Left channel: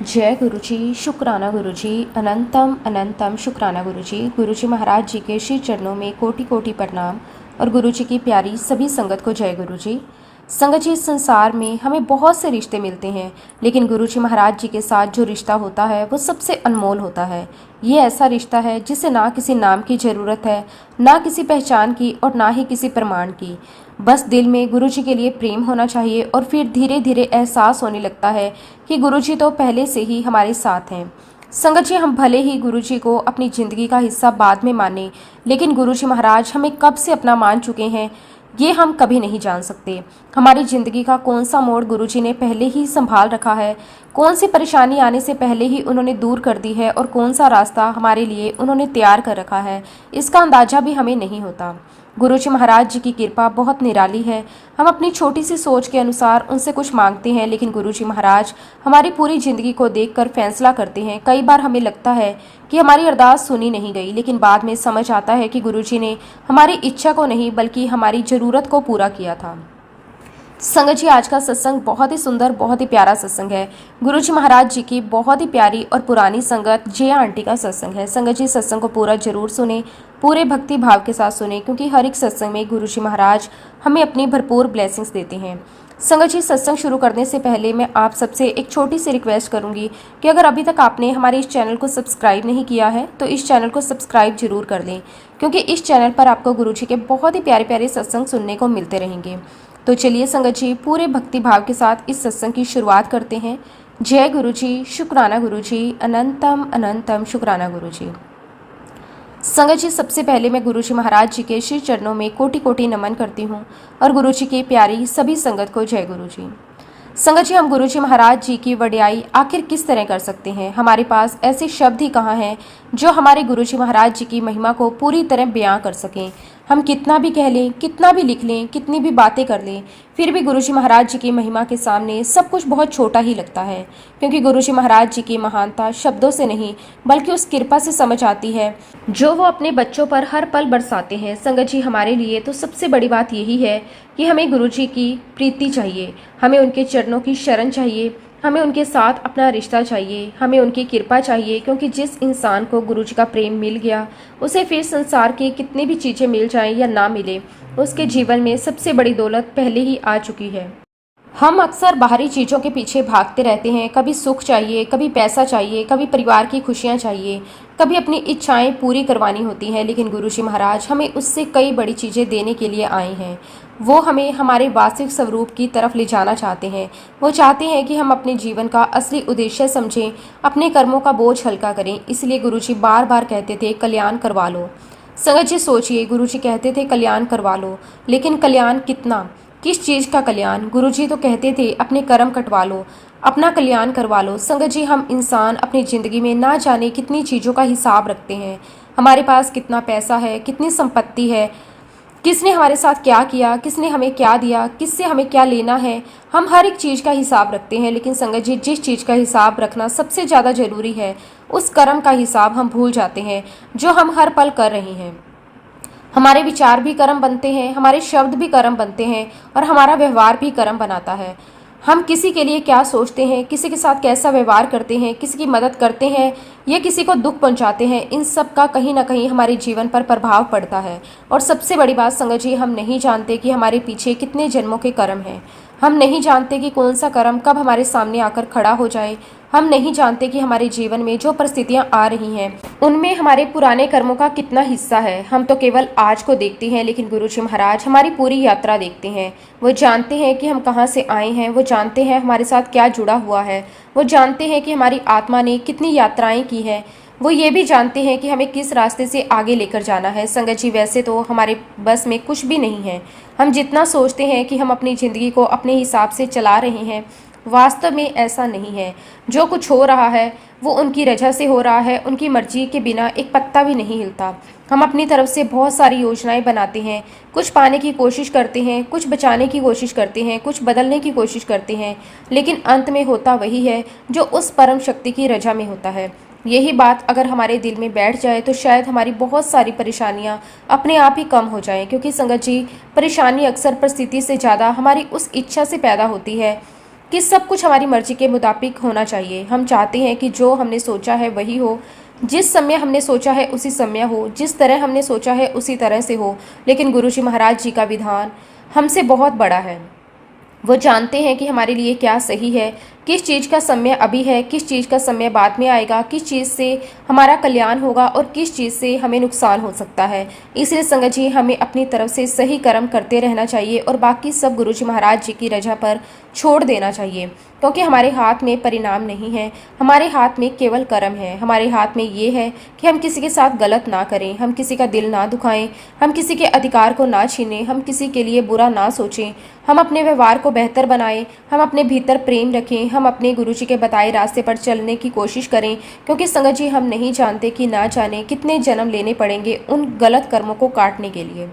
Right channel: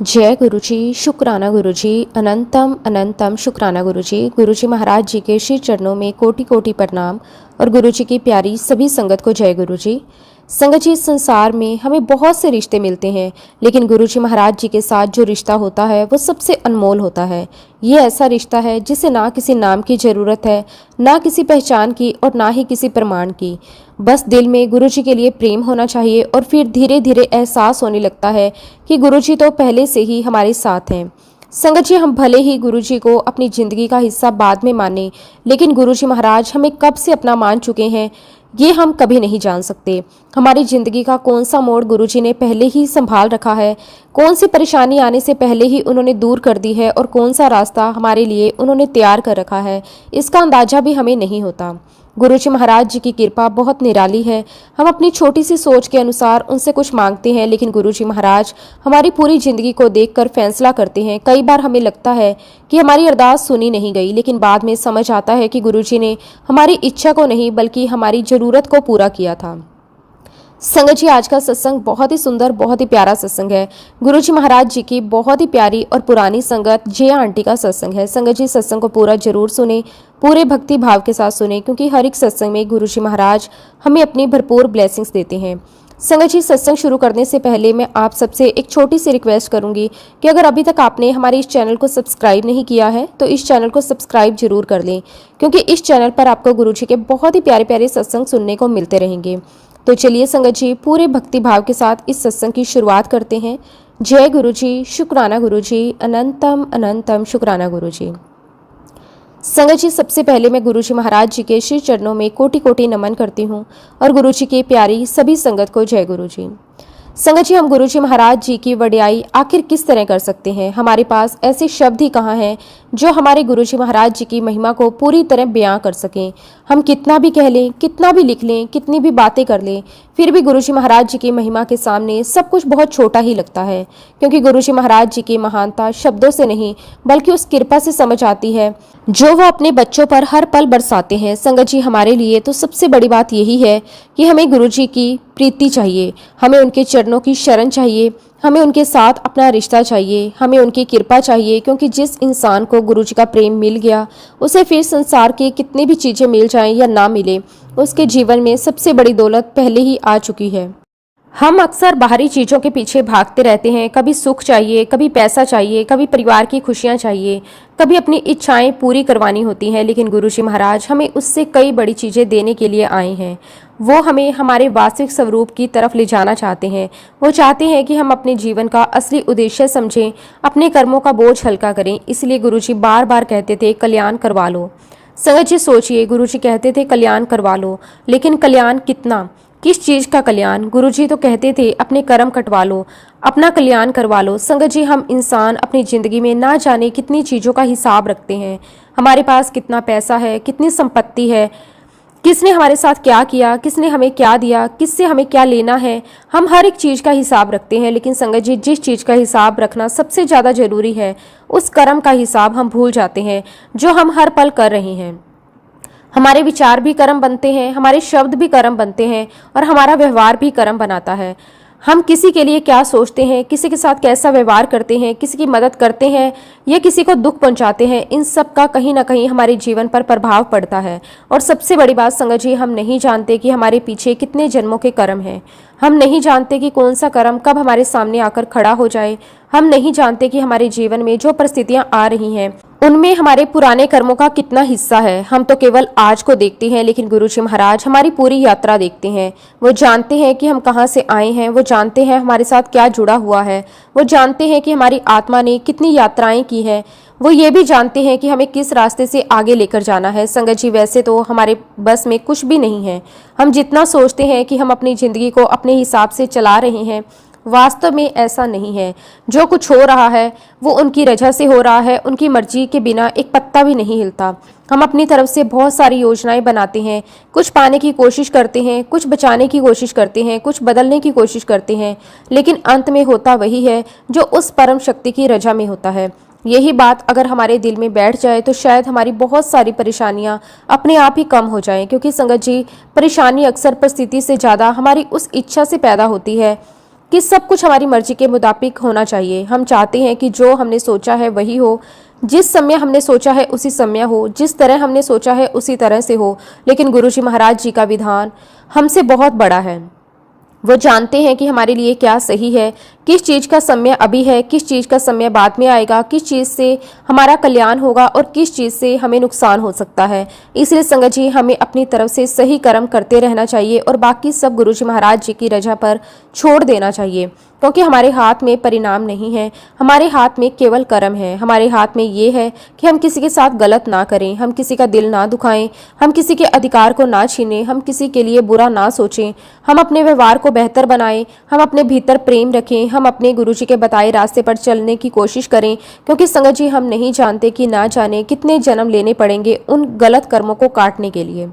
जय गुरु जी, शुक्राना गुरु जी, अनंतम अनंतम शुक्राना गुरु जी। गुरु जी महाराज जी के श्री चरणों में कोटि कोटि प्रणाम और गुरु जी की प्यारी सभी संगत को जय गुरु जी। संगत जी, इस संसार में हमें बहुत से रिश्ते मिलते हैं, लेकिन गुरु जी महाराज जी के साथ जो रिश्ता होता है वो सबसे अनमोल होता है। ये ऐसा रिश्ता है जिसे ना किसी नाम की जरूरत है, ना किसी पहचान की और ना ही किसी प्रमाण की। बस दिल में गुरु जी के लिए प्रेम होना चाहिए और फिर धीरे धीरे एहसास होने लगता है कि गुरु जी तो पहले से ही हमारे साथ हैं। संगत जी, हम भले ही गुरु जी को अपनी जिंदगी का हिस्सा बाद में माने, लेकिन गुरु जी महाराज हमें कब से अपना मान चुके हैं ये हम कभी नहीं जान सकते। हमारी जिंदगी का कौन सा मोड़ गुरु जी ने पहले ही संभाल रखा है, कौन सी परेशानी आने से पहले ही उन्होंने दूर कर दी है और कौन सा रास्ता हमारे लिए उन्होंने तैयार कर रखा है, इसका अंदाजा भी हमें नहीं होता। गुरु जी महाराज जी की कृपा बहुत निराली है। हम अपनी छोटी सी सोच के अनुसार उनसे कुछ मांगते हैं, लेकिन गुरु जी महाराज हमारी पूरी जिंदगी को देखकर फैसला करते हैं। कई बार हमें लगता है कि हमारी अरदास सुनी नहीं गई, लेकिन बाद में समझ आता है कि गुरु जी ने हमारी इच्छा को नहीं बल्कि हमारी जरूरत को पूरा किया था। संगत जी, आज का सत्संग बहुत ही सुंदर, बहुत ही प्यारा सत्संग है। गुरु जी महाराज जी की बहुत ही प्यारी और पुरानी संगत जिया आंटी का सत्संग है। संगत जी, सत्संग को पूरा जरूर सुने, पूरे भक्ति भाव के साथ सुने, क्योंकि हर एक सत्संग में गुरु जी महाराज हमें अपनी भरपूर ब्लेसिंग्स देते हैं। संगत जी, सत्संग शुरू करने से पहले मैं आप सबसे एक छोटी सी रिक्वेस्ट करूंगी कि अगर अभी तक आपने हमारे इस चैनल को सब्सक्राइब नहीं किया है तो इस चैनल को सब्सक्राइब जरूर कर लें, क्योंकि इस चैनल पर आपको गुरु जी के बहुत ही प्यारे प्यारे सत्संग सुनने को मिलते रहेंगे। तो चलिए संगत जी, पूरे भक्ति भाव के साथ इस सत्संग की शुरुआत करते हैं। जय गुरु जी, शुक्राना गुरु जी, अनंतम अनंतम शुक्राना गुरु जी। संगत जी, सबसे पहले मैं गुरु जी महाराज जी के श्री चरणों में कोटि कोटि नमन करती हूँ और गुरु जी की प्यारी सभी संगत को जय गुरु जी। संगत जी, हम गुरु जी महाराज जी की वडियाई आखिर किस तरह कर सकते हैं? हमारे पास ऐसे शब्द ही कहाँ हैं जो हमारे गुरु जी महाराज जी की महिमा को पूरी तरह बयां कर सकें। हम कितना भी कह लें, कितना भी लिख लें, कितनी भी बातें कर लें, फिर भी गुरु जी महाराज जी की महिमा के सामने सब कुछ बहुत छोटा ही लगता है, क्योंकि गुरु जी महाराज जी की महानता शब्दों से नहीं बल्कि उस कृपा से समझ आती है जो वो अपने बच्चों पर हर पल बरसाते हैं। संगत जी, हमारे लिए तो सबसे बड़ी बात यही है कि हमें गुरु जी की प्रीति चाहिए, हमें उनके चरणों की शरण चाहिए, हमें उनके साथ अपना रिश्ता चाहिए, हमें उनकी कृपा चाहिए, क्योंकि जिस इंसान को गुरु जी का प्रेम मिल गया उसे फिर संसार की कितनी भी चीजें मिल जाएं या ना मिले, उसके जीवन में सबसे बड़ी दौलत पहले ही आ चुकी है। हम अक्सर बाहरी चीजों के पीछे भागते रहते हैं। कभी सुख चाहिए, कभी पैसा चाहिए, कभी परिवार की खुशियां चाहिए, कभी अपनी इच्छाएं पूरी करवानी होती हैं, लेकिन गुरु जी महाराज हमें उससे कई बड़ी चीजें देने के लिए आए हैं। वो हमें हमारे वास्तविक स्वरूप की तरफ ले जाना चाहते हैं। वो चाहते हैं कि हम अपने जीवन का असली उद्देश्य समझें, अपने कर्मों का बोझ हल्का करें। इसलिए गुरु जी बार बार कहते थे, कल्याण करवा लो। संगत जी, सोचिए, गुरु जी कहते थे कल्याण करवा लो, लेकिन कल्याण कितना, किस चीज का कल्याण? गुरु जी तो कहते थे अपने कर्म कटवा लो, अपना कल्याण करवा लो। संगत जी, हम इंसान अपनी जिंदगी में ना जाने कितनी चीजों का हिसाब रखते हैं। हमारे पास कितना पैसा है, कितनी संपत्ति है, किसने हमारे साथ क्या किया, किसने हमें क्या दिया, किससे हमें क्या लेना है, हम हर एक चीज का हिसाब रखते हैं। लेकिन संगत जी, जिस चीज का हिसाब रखना सबसे ज्यादा जरूरी है, उस कर्म का हिसाब हम भूल जाते हैं जो हम हर पल कर रहे हैं। हमारे विचार भी कर्म बनते हैं, हमारे शब्द भी कर्म बनते हैं और हमारा व्यवहार भी कर्म बनाता है। हम किसी के लिए क्या सोचते हैं, किसी के साथ कैसा व्यवहार करते हैं, किसी की मदद करते हैं या किसी को दुख पहुंचाते हैं, इन सब का कहीं ना कहीं हमारे जीवन पर प्रभाव पड़ता है। और सबसे बड़ी बात संगत जी, हम नहीं जानते कि हमारे पीछे कितने जन्मों के कर्म हैं। हम नहीं जानते कि कौन सा कर्म कब हमारे सामने आकर खड़ा हो जाए। हम नहीं जानते कि हमारे जीवन में जो परिस्थितियां आ रही हैं उनमें हमारे पुराने कर्मों का कितना हिस्सा है। हम तो केवल आज को देखते हैं, लेकिन गुरु जी महाराज हमारी पूरी यात्रा देखते हैं। वो जानते हैं कि हम कहाँ से आए हैं, वो जानते हैं हमारे साथ क्या जुड़ा हुआ है, वो जानते हैं कि हमारी आत्मा ने कितनी यात्राएं की हैं, वो ये भी जानते हैं कि हमें किस रास्ते से आगे लेकर जाना है। संगत जी, वैसे तो हमारे बस में कुछ भी नहीं है। हम जितना सोचते हैं कि हम अपनी जिंदगी को अपने हिसाब से चला रहे हैं, वास्तव में ऐसा नहीं है। जो कुछ हो रहा है वो उनकी रजा से हो रहा है, उनकी मर्जी के बिना एक पत्ता भी नहीं हिलता। हम अपनी तरफ से बहुत सारी योजनाएं बनाते हैं, कुछ पाने की कोशिश करते हैं, कुछ बचाने की कोशिश करते हैं, कुछ बदलने की कोशिश करते हैं, लेकिन अंत में होता वही है जो उस परम शक्ति की रजा में होता है। यही बात अगर हमारे दिल में बैठ जाए तो शायद हमारी बहुत सारी परेशानियां अपने आप ही कम हो जाएं, क्योंकि संगत जी, परेशानी अक्सर परिस्थिति से ज्यादा हमारी उस इच्छा से पैदा होती है कि सब कुछ हमारी मर्जी के मुताबिक होना चाहिए। हम चाहते हैं कि जो हमने सोचा है वही हो, जिस समय हमने सोचा है उसी समय हो, जिस तरह हमने सोचा है उसी तरह से हो। लेकिन गुरुजी महाराज जी का विधान हमसे बहुत बड़ा है। वो जानते हैं कि हमारे लिए क्या सही है, किस चीज़ का समय अभी है, किस चीज़ का समय बाद में आएगा, किस चीज़ से हमारा कल्याण होगा और किस चीज़ से हमें नुकसान हो सकता है। इसलिए संगत जी, हमें अपनी तरफ से सही कर्म करते रहना चाहिए और बाकी सब गुरु जी महाराज जी की रजा पर छोड़ देना चाहिए, क्योंकि हमारे हाथ में परिणाम नहीं है, हमारे हाथ में केवल कर्म है। हमारे हाथ में ये है कि हम किसी के साथ गलत ना करें, हम किसी का दिल ना दुखाएं, हम किसी के अधिकार को ना छीनें, हम किसी के लिए बुरा ना सोचें, हम अपने व्यवहार को बेहतर बनाएं, हम अपने भीतर प्रेम रखें, हम अपने गुरु जी के बताए रास्ते पर चलने की कोशिश करें। क्योंकि संगत जी, हम नहीं जानते कि ना जाने कितने जन्म लेने पड़ेंगे उन गलत कर्मों को काटने के लिए।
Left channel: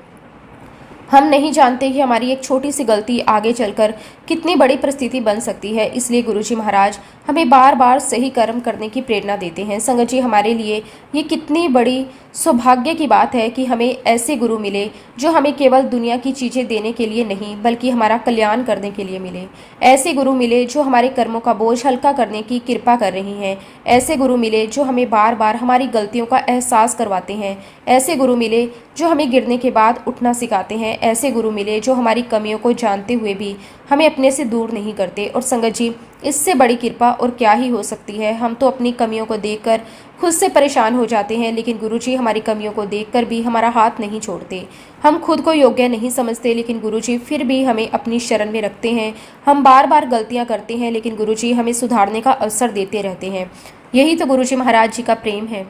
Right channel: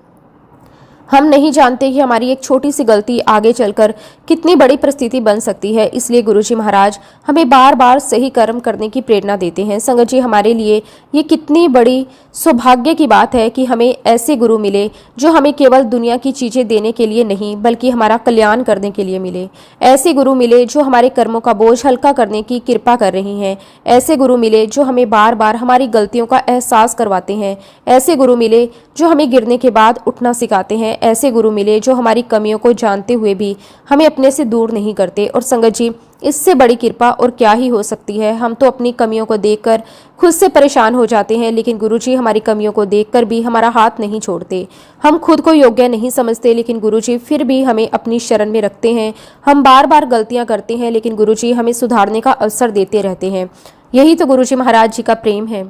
हम नहीं जानते कि हमारी एक छोटी सी गलती आगे चलकर कितनी बड़ी परिस्थिति बन सकती है। इसलिए गुरुजी महाराज हमें बार बार सही कर्म करने की प्रेरणा देते हैं। संगत जी, हमारे लिए ये कितनी बड़ी सौभाग्य की बात है कि हमें ऐसे गुरु मिले जो हमें केवल दुनिया की चीजें देने के लिए नहीं बल्कि हमारा कल्याण करने के लिए मिले। ऐसे गुरु मिले जो हमारे कर्मों का बोझ हल्का करने की कृपा कर रही हैं। ऐसे गुरु मिले जो हमें बार बार हमारी गलतियों का एहसास करवाते हैं। ऐसे गुरु मिले जो हमें गिरने के बाद उठना सिखाते हैं। ऐसे गुरु मिले जो हमारी कमियों को जानते हुए भी हमें अपने से दूर नहीं करते। और संगत जी, इससे बड़ी कृपा और क्या ही हो सकती है। हम तो अपनी कमियों को देखकर खुद से परेशान हो जाते हैं, लेकिन गुरुजी हमारी कमियों को देखकर भी हमारा हाथ नहीं छोड़ते। हम खुद को योग्य नहीं समझते, लेकिन गुरुजी फिर भी हमें अपनी शरण में रखते हैं। हम बार बार गलतियां करते हैं, लेकिन गुरुजी हमें सुधारने का अवसर देते रहते हैं। यही तो गुरुजी महाराज जी का प्रेम है।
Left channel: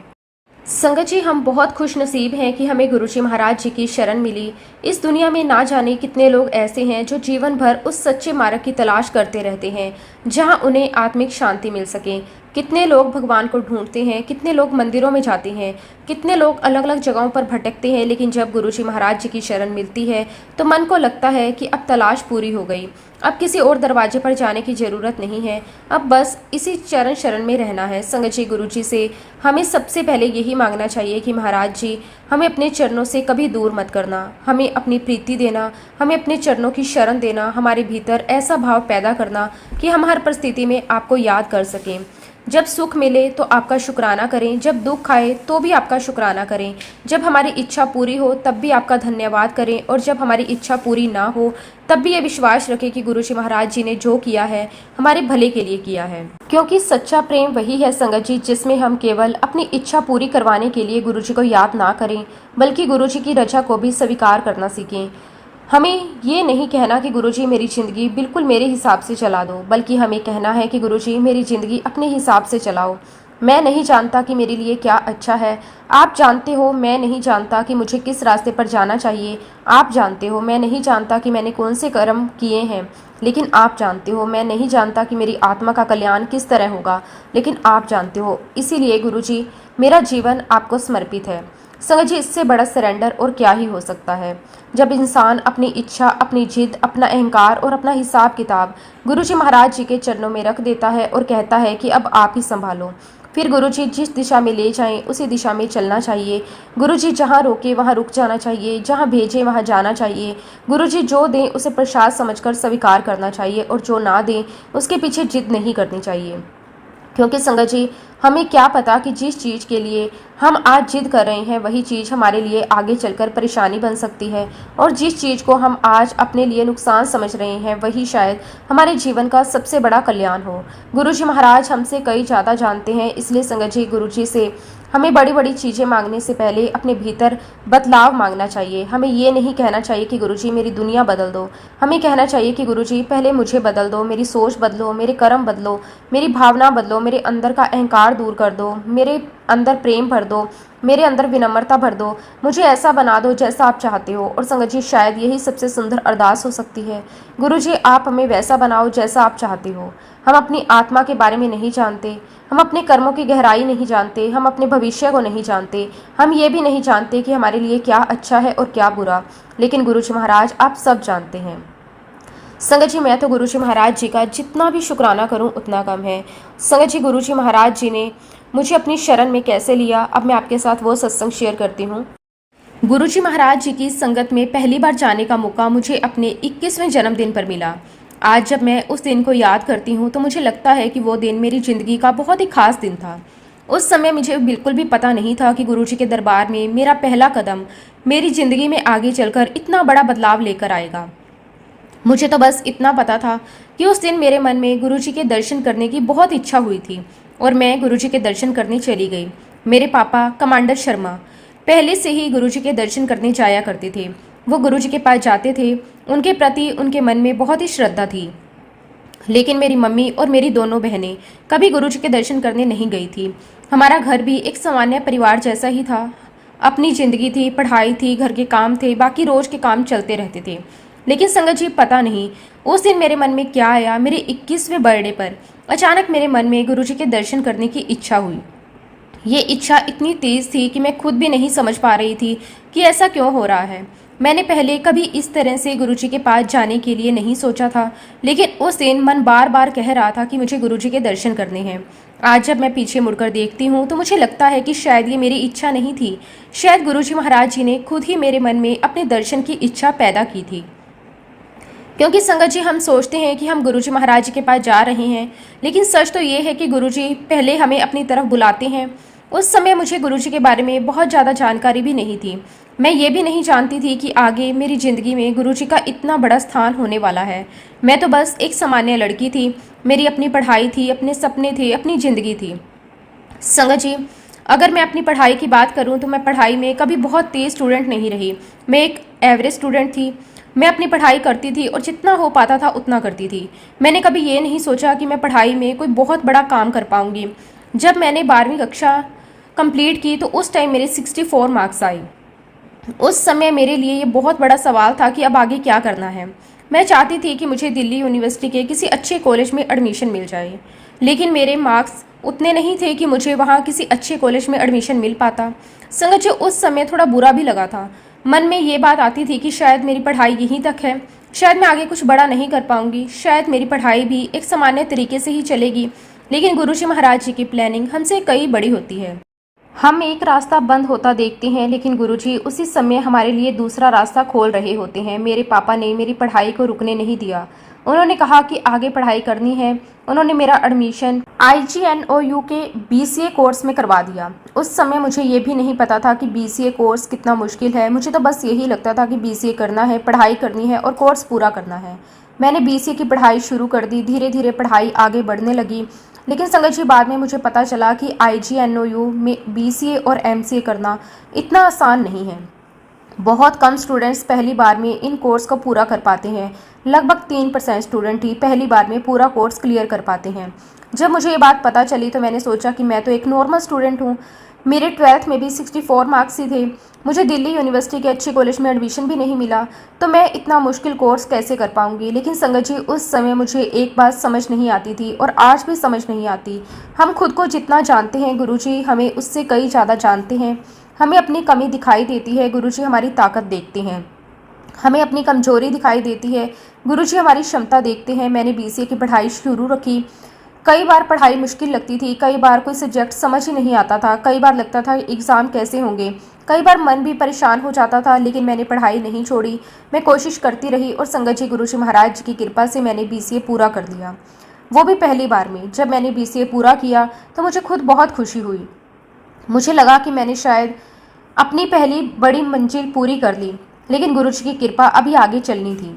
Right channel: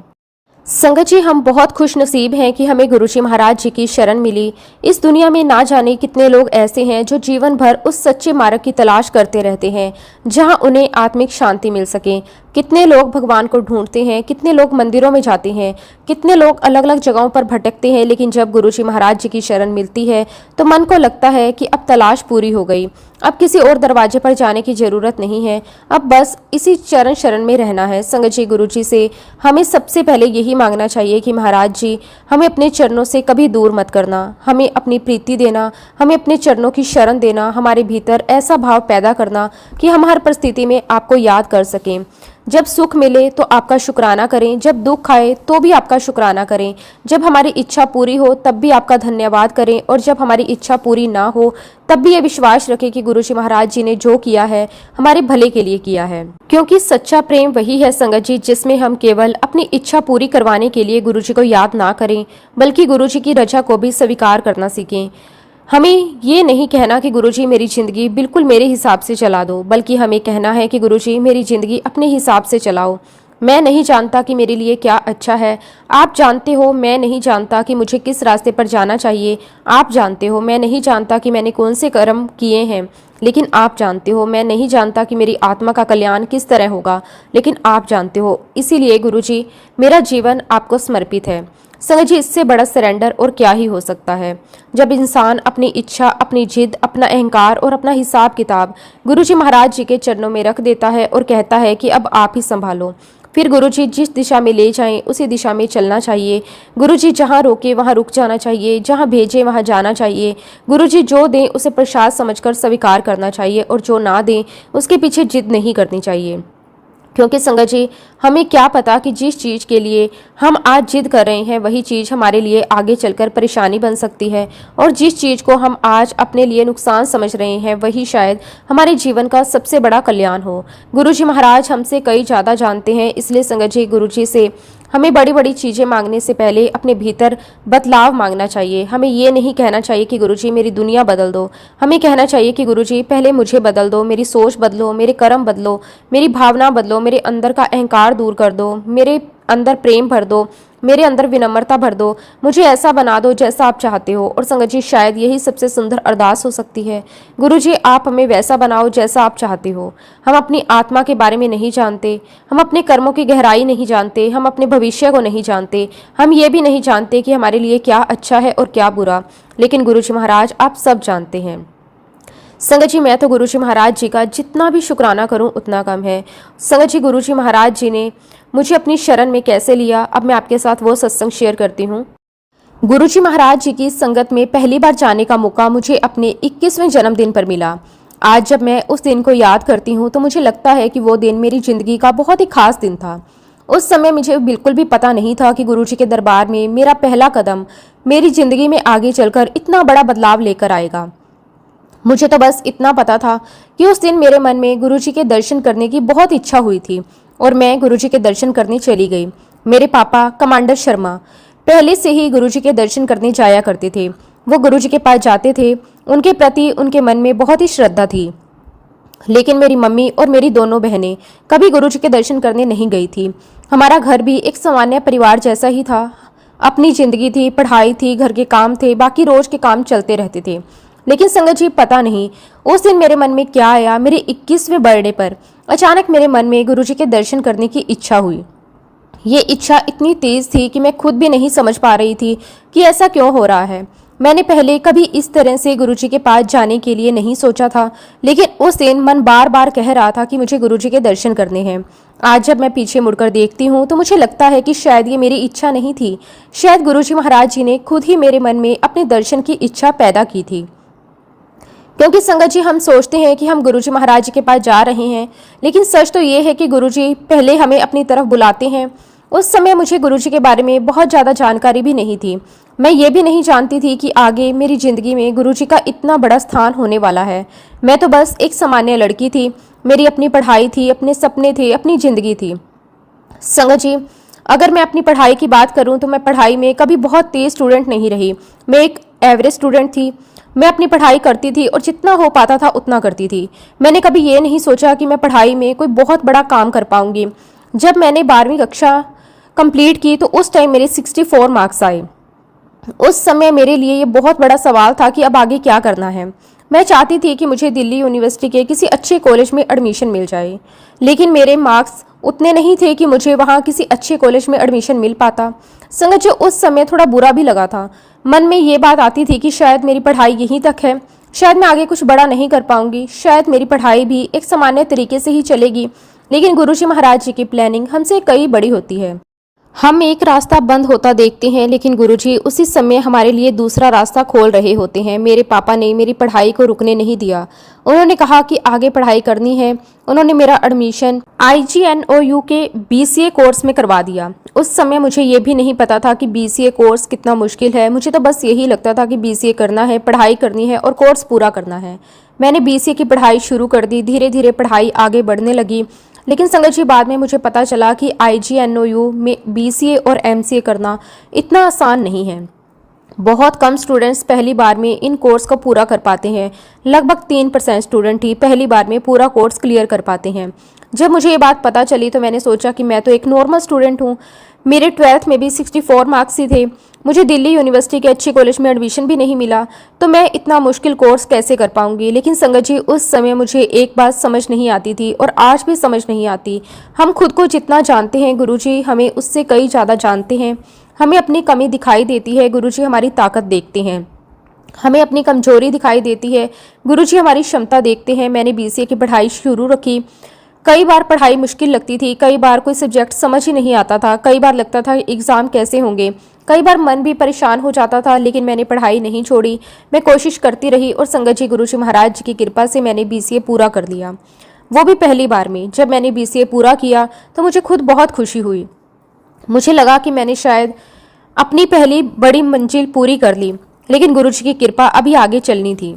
संगत जी, हम बहुत खुश नसीब हैं कि हमें गुरुजी महाराज जी की शरण मिली। इस दुनिया में ना जाने कितने लोग ऐसे हैं जो जीवन भर उस सच्चे मार्ग की तलाश करते रहते हैं जहां उन्हें आत्मिक शांति मिल सके। कितने लोग भगवान को ढूंढते हैं, कितने लोग मंदिरों में जाते हैं, कितने लोग अलग अलग जगहों पर भटकते हैं, लेकिन जब गुरुजी महाराज जी की शरण मिलती है तो मन को लगता है कि अब तलाश पूरी हो गई, अब किसी और दरवाजे पर जाने की जरूरत नहीं है, अब बस इसी चरण शरण में रहना है। संगत जी, गुरु जी से हमें सबसे पहले यही मांगना चाहिए कि महाराज जी हमें अपने चरणों से कभी दूर मत करना, हमें अपनी प्रीति देना, हमें अपने चरणों की शरण देना, हमारे भीतर ऐसा भाव पैदा करना कि हम हर परिस्थिति में आपको याद कर सकें। जब सुख मिले तो आपका शुक्राना करें, जब दुख आए तो भी आपका शुक्राना करें, जब हमारी इच्छा पूरी हो तब भी आपका धन्यवाद करें, और जब हमारी इच्छा पूरी ना हो तब भी ये विश्वास रखें कि गुरुजी महाराज जी ने जो किया है हमारे भले के लिए किया है। क्योंकि सच्चा प्रेम वही है संगत जी जिसमें हम केवल अपनी इच्छा पूरी करवाने के लिए गुरुजी को याद ना करें बल्कि गुरुजी की रजा को भी स्वीकार करना सीखें। हमें ये नहीं कहना कि गुरुजी मेरी जिंदगी बिल्कुल मेरे हिसाब से चला दो, बल्कि हमें कहना है कि गुरुजी मेरी जिंदगी अपने हिसाब से चलाओ। मैं नहीं जानता कि मेरे लिए क्या अच्छा है, आप जानते हो। मैं नहीं जानता कि मुझे किस रास्ते पर जाना चाहिए, आप जानते हो। मैं नहीं जानता कि मैंने कौन से कर्म किए हैं, लेकिन आप जानते हो। मैं नहीं जानता कि मेरी आत्मा का कल्याण किस तरह होगा, लेकिन आप जानते हो। इसीलिए गुरुजी मेरा जीवन आपको समर्पित है। संगत जी, इससे बड़ा सरेंडर और क्या ही हो सकता है। जब इंसान अपनी इच्छा, अपनी जिद, अपना अहंकार और अपना हिसाब किताब गुरुजी महाराज जी के चरणों में रख देता है और कहता है कि अब आप ही संभालो, फिर गुरुजी जिस दिशा में ले जाएं उसी दिशा में चलना चाहिए। गुरुजी जहाँ रोके वहाँ रुक जाना चाहिए, जहाँ भेजे वहाँ जाना चाहिए। गुरुजी जो दें उसे प्रसाद समझकर स्वीकार करना चाहिए, और जो ना दें उसके पीछे जिद नहीं करनी चाहिए। क्योंकि संगत जी, हमें क्या पता कि जिस चीज के लिए हम आज जिद कर रहे हैं वही चीज हमारे लिए आगे चलकर परेशानी बन सकती है, और जिस चीज को हम आज अपने लिए नुकसान समझ रहे हैं वही शायद हमारे जीवन का सबसे बड़ा कल्याण हो। गुरुजी महाराज हमसे कई ज्यादा जानते हैं, इसलिए संगत जी गुरुजी से हमें बड़ी बड़ी चीजें मांगने से पहले अपने भीतर बदलाव मांगना चाहिए। हमें ये नहीं कहना चाहिए कि गुरुजी मेरी दुनिया बदल दो, हमें कहना चाहिए कि गुरुजी पहले मुझे बदल दो, मेरी सोच बदलो, मेरे कर्म बदलो, मेरी भावना बदलो, मेरे अंदर का अहंकार दूर कर दो, मेरे अंदर प्रेम भर दो, मेरे अंदर विनम्रता भर दो, मुझे ऐसा बना दो जैसा आप चाहते हो। और संगत जी, शायद यही सबसे सुंदर अरदास हो सकती है। गुरुजी आप हमें वैसा बनाओ जैसा आप चाहते हो। हम अपनी आत्मा के बारे में नहीं जानते, हम अपने कर्मों की गहराई नहीं जानते, हम अपने भविष्य को नहीं जानते, हम ये भी नहीं जानते कि हमारे लिए क्या अच्छा है और क्या बुरा, लेकिन गुरुजी महाराज आप सब जानते हैं। संगत जी, मैं तो गुरुजी महाराज जी का जितना भी शुक्राना करूं उतना कम है। संगत जी, गुरुजी महाराज जी ने मुझे अपनी शरण में कैसे लिया, अब मैं आपके साथ वो सत्संग शेयर करती हूँ। गुरुजी महाराज जी की संगत में पहली बार जाने का मौका मुझे अपने 21वें जन्मदिन पर मिला। आज जब मैं उस दिन को याद करती हूँ तो मुझे लगता है कि वो दिन मेरी ज़िंदगी का बहुत ही खास दिन था। उस समय मुझे बिल्कुल भी पता नहीं था कि गुरुजी के दरबार में मेरा पहला कदम मेरी ज़िंदगी में आगे चलकर इतना बड़ा बदलाव लेकर आएगा। मुझे तो बस इतना पता था कि उस दिन मेरे मन में गुरुजी के दर्शन करने की बहुत इच्छा हुई थी और मैं गुरुजी के दर्शन करने चली गई। मेरे पापा कमांडर शर्मा पहले से ही गुरुजी के दर्शन करने जाया करते थे। वो गुरुजी के पास जाते थे, उनके प्रति उनके मन में बहुत ही श्रद्धा थी। लेकिन मेरी मम्मी और मेरी दोनों बहनें कभी गुरुजी के दर्शन करने नहीं गई थी। हमारा घर भी एक सामान्य परिवार जैसा ही था। अपनी जिंदगी थी, पढ़ाई थी, घर के काम थे, बाकी रोज के काम चलते रहते थे। लेकिन संगत जी, पता नहीं उस दिन मेरे मन में क्या आया, मेरे 21वें बर्थडे पर अचानक मेरे मन में गुरुजी के दर्शन करने की इच्छा हुई। ये इच्छा इतनी तेज थी कि मैं खुद भी नहीं समझ पा रही थी कि ऐसा क्यों हो रहा है। मैंने पहले कभी इस तरह से गुरुजी के पास जाने के लिए नहीं सोचा था, लेकिन उस दिन मन बार बार कह रहा था कि मुझे गुरुजी के दर्शन करने हैं। आज जब मैं पीछे मुड़कर देखती हूँ तो मुझे लगता है कि शायद ये मेरी इच्छा नहीं थी, शायद गुरुजी महाराज जी ने खुद ही मेरे मन में अपने दर्शन की इच्छा पैदा की थी। क्योंकि संगत जी, हम सोचते हैं कि हम गुरुजी महाराज जी के पास जा रहे हैं, लेकिन सच तो ये है कि गुरुजी पहले हमें अपनी तरफ बुलाते हैं। उस समय मुझे गुरुजी के बारे में बहुत ज़्यादा जानकारी भी नहीं थी। मैं ये भी नहीं जानती थी कि आगे मेरी ज़िंदगी में गुरुजी का इतना बड़ा स्थान होने वाला है। मैं तो बस एक सामान्य लड़की थी। मेरी अपनी पढ़ाई थी, अपने सपने थे, अपनी ज़िंदगी थी। संगत जी, अगर मैं अपनी पढ़ाई की बात करूं तो मैं पढ़ाई में कभी बहुत तेज स्टूडेंट नहीं रही। मैं एक एवरेज स्टूडेंट थी। मैं अपनी पढ़ाई करती थी और जितना हो पाता था उतना करती थी। मैंने कभी ये नहीं सोचा कि मैं पढ़ाई में कोई बहुत बड़ा काम कर पाऊंगी। जब मैंने 12वीं कक्षा कंप्लीट की तो उस टाइम मेरे 64 मार्क्स आए। उस समय मेरे लिए ये बहुत बड़ा सवाल था कि अब आगे क्या करना है। मैं चाहती थी कि मुझे दिल्ली यूनिवर्सिटी के किसी अच्छे कॉलेज में एडमिशन मिल जाए, लेकिन मेरे मार्क्स उतने नहीं थे कि मुझे वहाँ किसी अच्छे कॉलेज में एडमिशन मिल पाता। संगत जो उस समय थोड़ा बुरा भी लगा था। मन में ये बात आती थी कि शायद मेरी पढ़ाई यहीं तक है, शायद मैं आगे कुछ बड़ा नहीं कर पाऊंगी, शायद मेरी पढ़ाई भी एक सामान्य तरीके से ही चलेगी। लेकिन गुरुजी महाराज जी की प्लानिंग हमसे कई बड़ी होती है। हम एक रास्ता बंद होता देखते हैं, लेकिन गुरुजी उसी समय हमारे लिए दूसरा रास्ता खोल रहे होते हैं। मेरे पापा ने मेरी पढ़ाई को रुकने नहीं दिया। उन्होंने कहा कि आगे पढ़ाई करनी है। उन्होंने मेरा एडमिशन IGNOU के BCA कोर्स में करवा दिया। उस समय मुझे ये भी नहीं पता था कि BCA कोर्स कितना मुश्किल है। मुझे तो बस यही लगता था कि BCA करना है, पढ़ाई करनी है और कोर्स पूरा करना है। मैंने BCA की पढ़ाई शुरू कर दी। धीरे धीरे पढ़ाई आगे बढ़ने लगी। लेकिन संगत जी, बाद में मुझे पता चला कि IGNOU में BCA और MCA करना इतना आसान नहीं है। बहुत कम स्टूडेंट्स पहली बार में इन कोर्स को पूरा कर पाते हैं। लगभग 3% स्टूडेंट ही पहली बार में पूरा कोर्स क्लियर कर पाते हैं। जब मुझे ये बात पता चली तो मैंने सोचा कि मैं तो एक नॉर्मल स्टूडेंट हूँ। मेरे 12th में भी 64 मार्क्स ही थे। मुझे दिल्ली यूनिवर्सिटी के अच्छे कॉलेज में एडमिशन भी नहीं मिला, तो मैं इतना मुश्किल कोर्स कैसे कर पाऊंगी। लेकिन संगत जी, उस समय मुझे एक बात समझ नहीं आती थी और आज भी समझ नहीं आती। हम खुद को जितना जानते हैं, गुरुजी हमें उससे कई ज़्यादा जानते हैं। हमें अपनी कमी दिखाई देती है, गुरुजी हमारी ताकत देखते हैं। हमें अपनी कमजोरी दिखाई देती है, गुरुजी हमारी क्षमता देखते हैं। मैंने BCA की पढ़ाई शुरू रखी। कई बार पढ़ाई मुश्किल लगती थी, कई बार कोई सब्जेक्ट समझ ही नहीं आता था, कई बार लगता था एग्ज़ाम कैसे होंगे, कई बार मन भी परेशान हो जाता था। लेकिन मैंने पढ़ाई नहीं छोड़ी, मैं कोशिश करती रही और संगत जी, गुरुजी महाराज जी की कृपा से मैंने BCA पूरा कर लिया। वो भी पहली बार में। जब मैंने BCA पूरा किया तो मुझे खुद बहुत खुशी हुई। मुझे लगा कि मैंने शायद अपनी पहली बड़ी मंजिल पूरी कर ली, लेकिन गुरुजी की कृपा अभी आगे चलनी थी।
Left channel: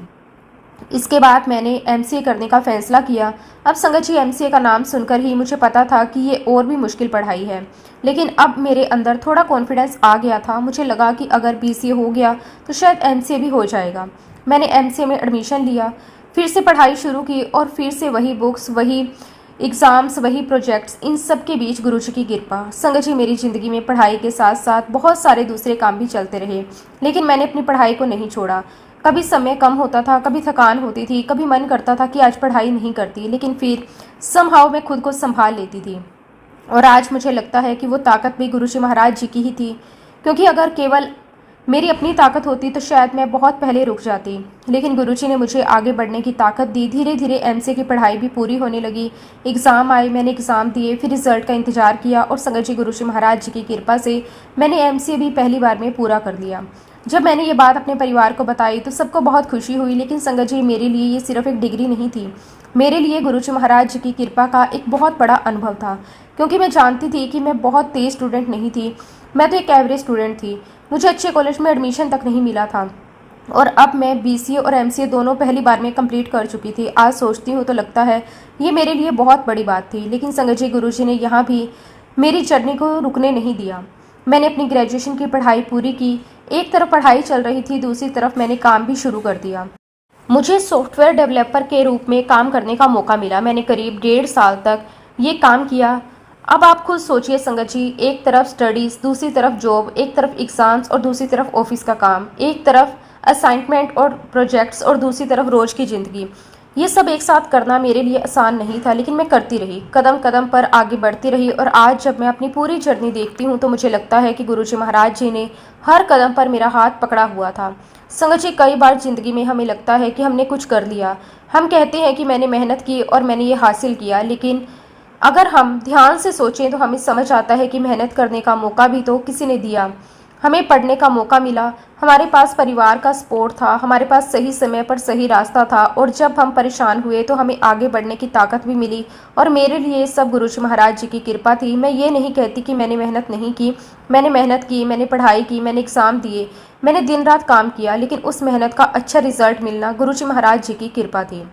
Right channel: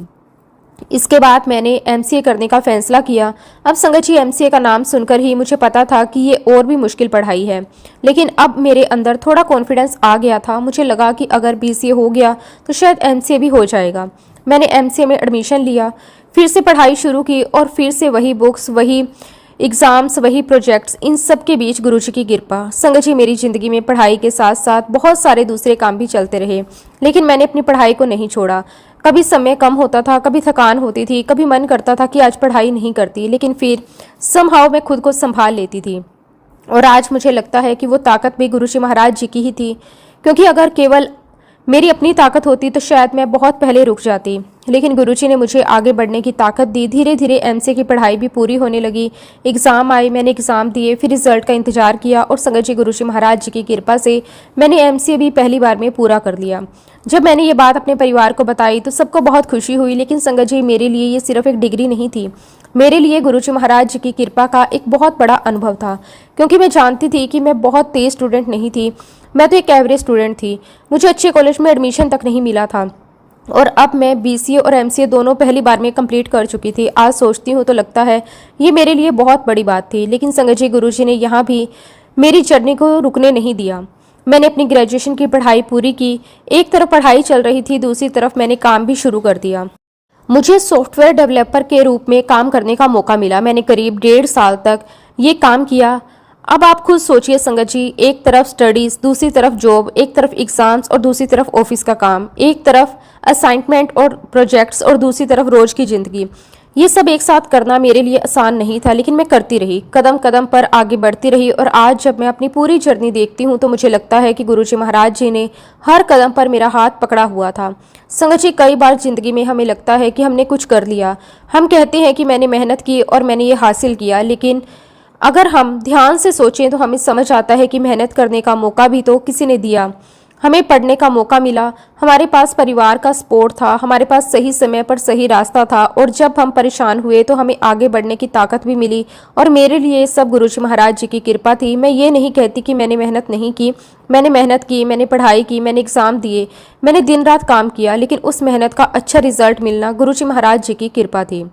इसके बाद मैंने MCA करने का फैसला किया। अब संगत जी, MCA का नाम सुनकर ही मुझे पता था कि ये और भी मुश्किल पढ़ाई है, लेकिन अब मेरे अंदर थोड़ा कॉन्फिडेंस आ गया था। मुझे लगा कि अगर BCA हो गया तो शायद MCA भी हो जाएगा। मैंने MCA में एडमिशन लिया, फिर से पढ़ाई शुरू की और फिर से वही बुक्स, वही एग्ज़ाम्स, वही प्रोजेक्ट्स, इन सब के बीच गुरुजी की कृपा। संगत जी, मेरी ज़िंदगी में पढ़ाई के साथ साथ बहुत सारे दूसरे काम भी चलते रहे, लेकिन मैंने अपनी पढ़ाई को नहीं छोड़ा। कभी समय कम होता था, कभी थकान होती थी, कभी मन करता था कि आज पढ़ाई नहीं करती, लेकिन फिर समहाउ मैं खुद को संभाल लेती थी। और आज मुझे लगता है कि वो ताकत भी गुरुजी महाराज जी की ही थी, क्योंकि अगर केवल मेरी अपनी ताकत होती तो शायद मैं बहुत पहले रुक जाती। लेकिन गुरुजी ने मुझे आगे बढ़ने की ताकत दी। धीरे धीरे MCA की पढ़ाई भी पूरी होने लगी। एग्ज़ाम आए, मैंने एग्ज़ाम दिए, फिर रिजल्ट का इंतजार किया और संगत जी, गुरुजी महाराज जी की कृपा से मैंने MCA भी पहली बार में पूरा कर लिया। जब मैंने ये बात अपने परिवार को बताई तो सबको बहुत खुशी हुई, लेकिन संगत जी मेरे लिए ये सिर्फ एक डिग्री नहीं थी। मेरे लिए गुरुजी महाराज जी की कृपा का एक बहुत बड़ा अनुभव था, क्योंकि मैं जानती थी कि मैं बहुत तेज स्टूडेंट नहीं थी। मैं तो एक एवरेज स्टूडेंट थी। मुझे अच्छे कॉलेज में एडमिशन तक नहीं मिला था, और अब मैं बीसीए और एमसीए दोनों पहली बार में कंप्लीट कर चुकी थी। आज सोचती हूँ तो लगता है ये मेरे लिए बहुत बड़ी बात थी। लेकिन संगत जी गुरुजी ने यहाँ भी मेरी जर्नी को रुकने नहीं दिया। मैंने अपनी ग्रेजुएशन की पढ़ाई पूरी की। एक तरफ पढ़ाई चल रही थी, दूसरी तरफ मैंने काम भी शुरू कर दिया। मुझे सॉफ्टवेयर डेवलपर के रूप में काम करने का मौका मिला। मैंने करीब 1.5 साल तक ये काम किया। अब आप खुद सोचिए संगत जी, एक तरफ स्टडीज, दूसरी तरफ जॉब, एक तरफ एग्जाम्स और दूसरी तरफ ऑफिस का काम, एक तरफ असाइनमेंट और प्रोजेक्ट्स और दूसरी तरफ रोज की जिंदगी। ये सब एक साथ करना मेरे लिए आसान नहीं था, लेकिन मैं करती रही, कदम कदम पर आगे बढ़ती रही। और आज जब मैं अपनी पूरी जर्नी देखती हूँ तो मुझे लगता है कि गुरुजी महाराज जी ने हर कदम पर मेरा हाथ पकड़ा हुआ था। संगत जी, कई बार जिंदगी में हमें लगता है कि हमने कुछ कर लिया। हम कहते हैं कि मैंने मेहनत की और मैंने ये हासिल किया, लेकिन अगर हम ध्यान से सोचें तो हमें समझ आता है कि मेहनत करने का मौका भी तो किसी ने दिया। हमें पढ़ने का मौका मिला, हमारे पास परिवार का सपोर्ट था, हमारे पास सही समय पर सही रास्ता था, और जब हम परेशान हुए तो हमें आगे बढ़ने की ताकत भी मिली। और मेरे लिए सब गुरुजी महाराज जी की कृपा थी। मैं ये नहीं कहती कि मैंने मेहनत नहीं की। मैंने मेहनत की, मैंने पढ़ाई की, मैंने एग्ज़ाम दिए, मैंने दिन रात काम किया, लेकिन उस मेहनत का अच्छा रिजल्ट मिलना गुरुजी महाराज जी की कृपा थी।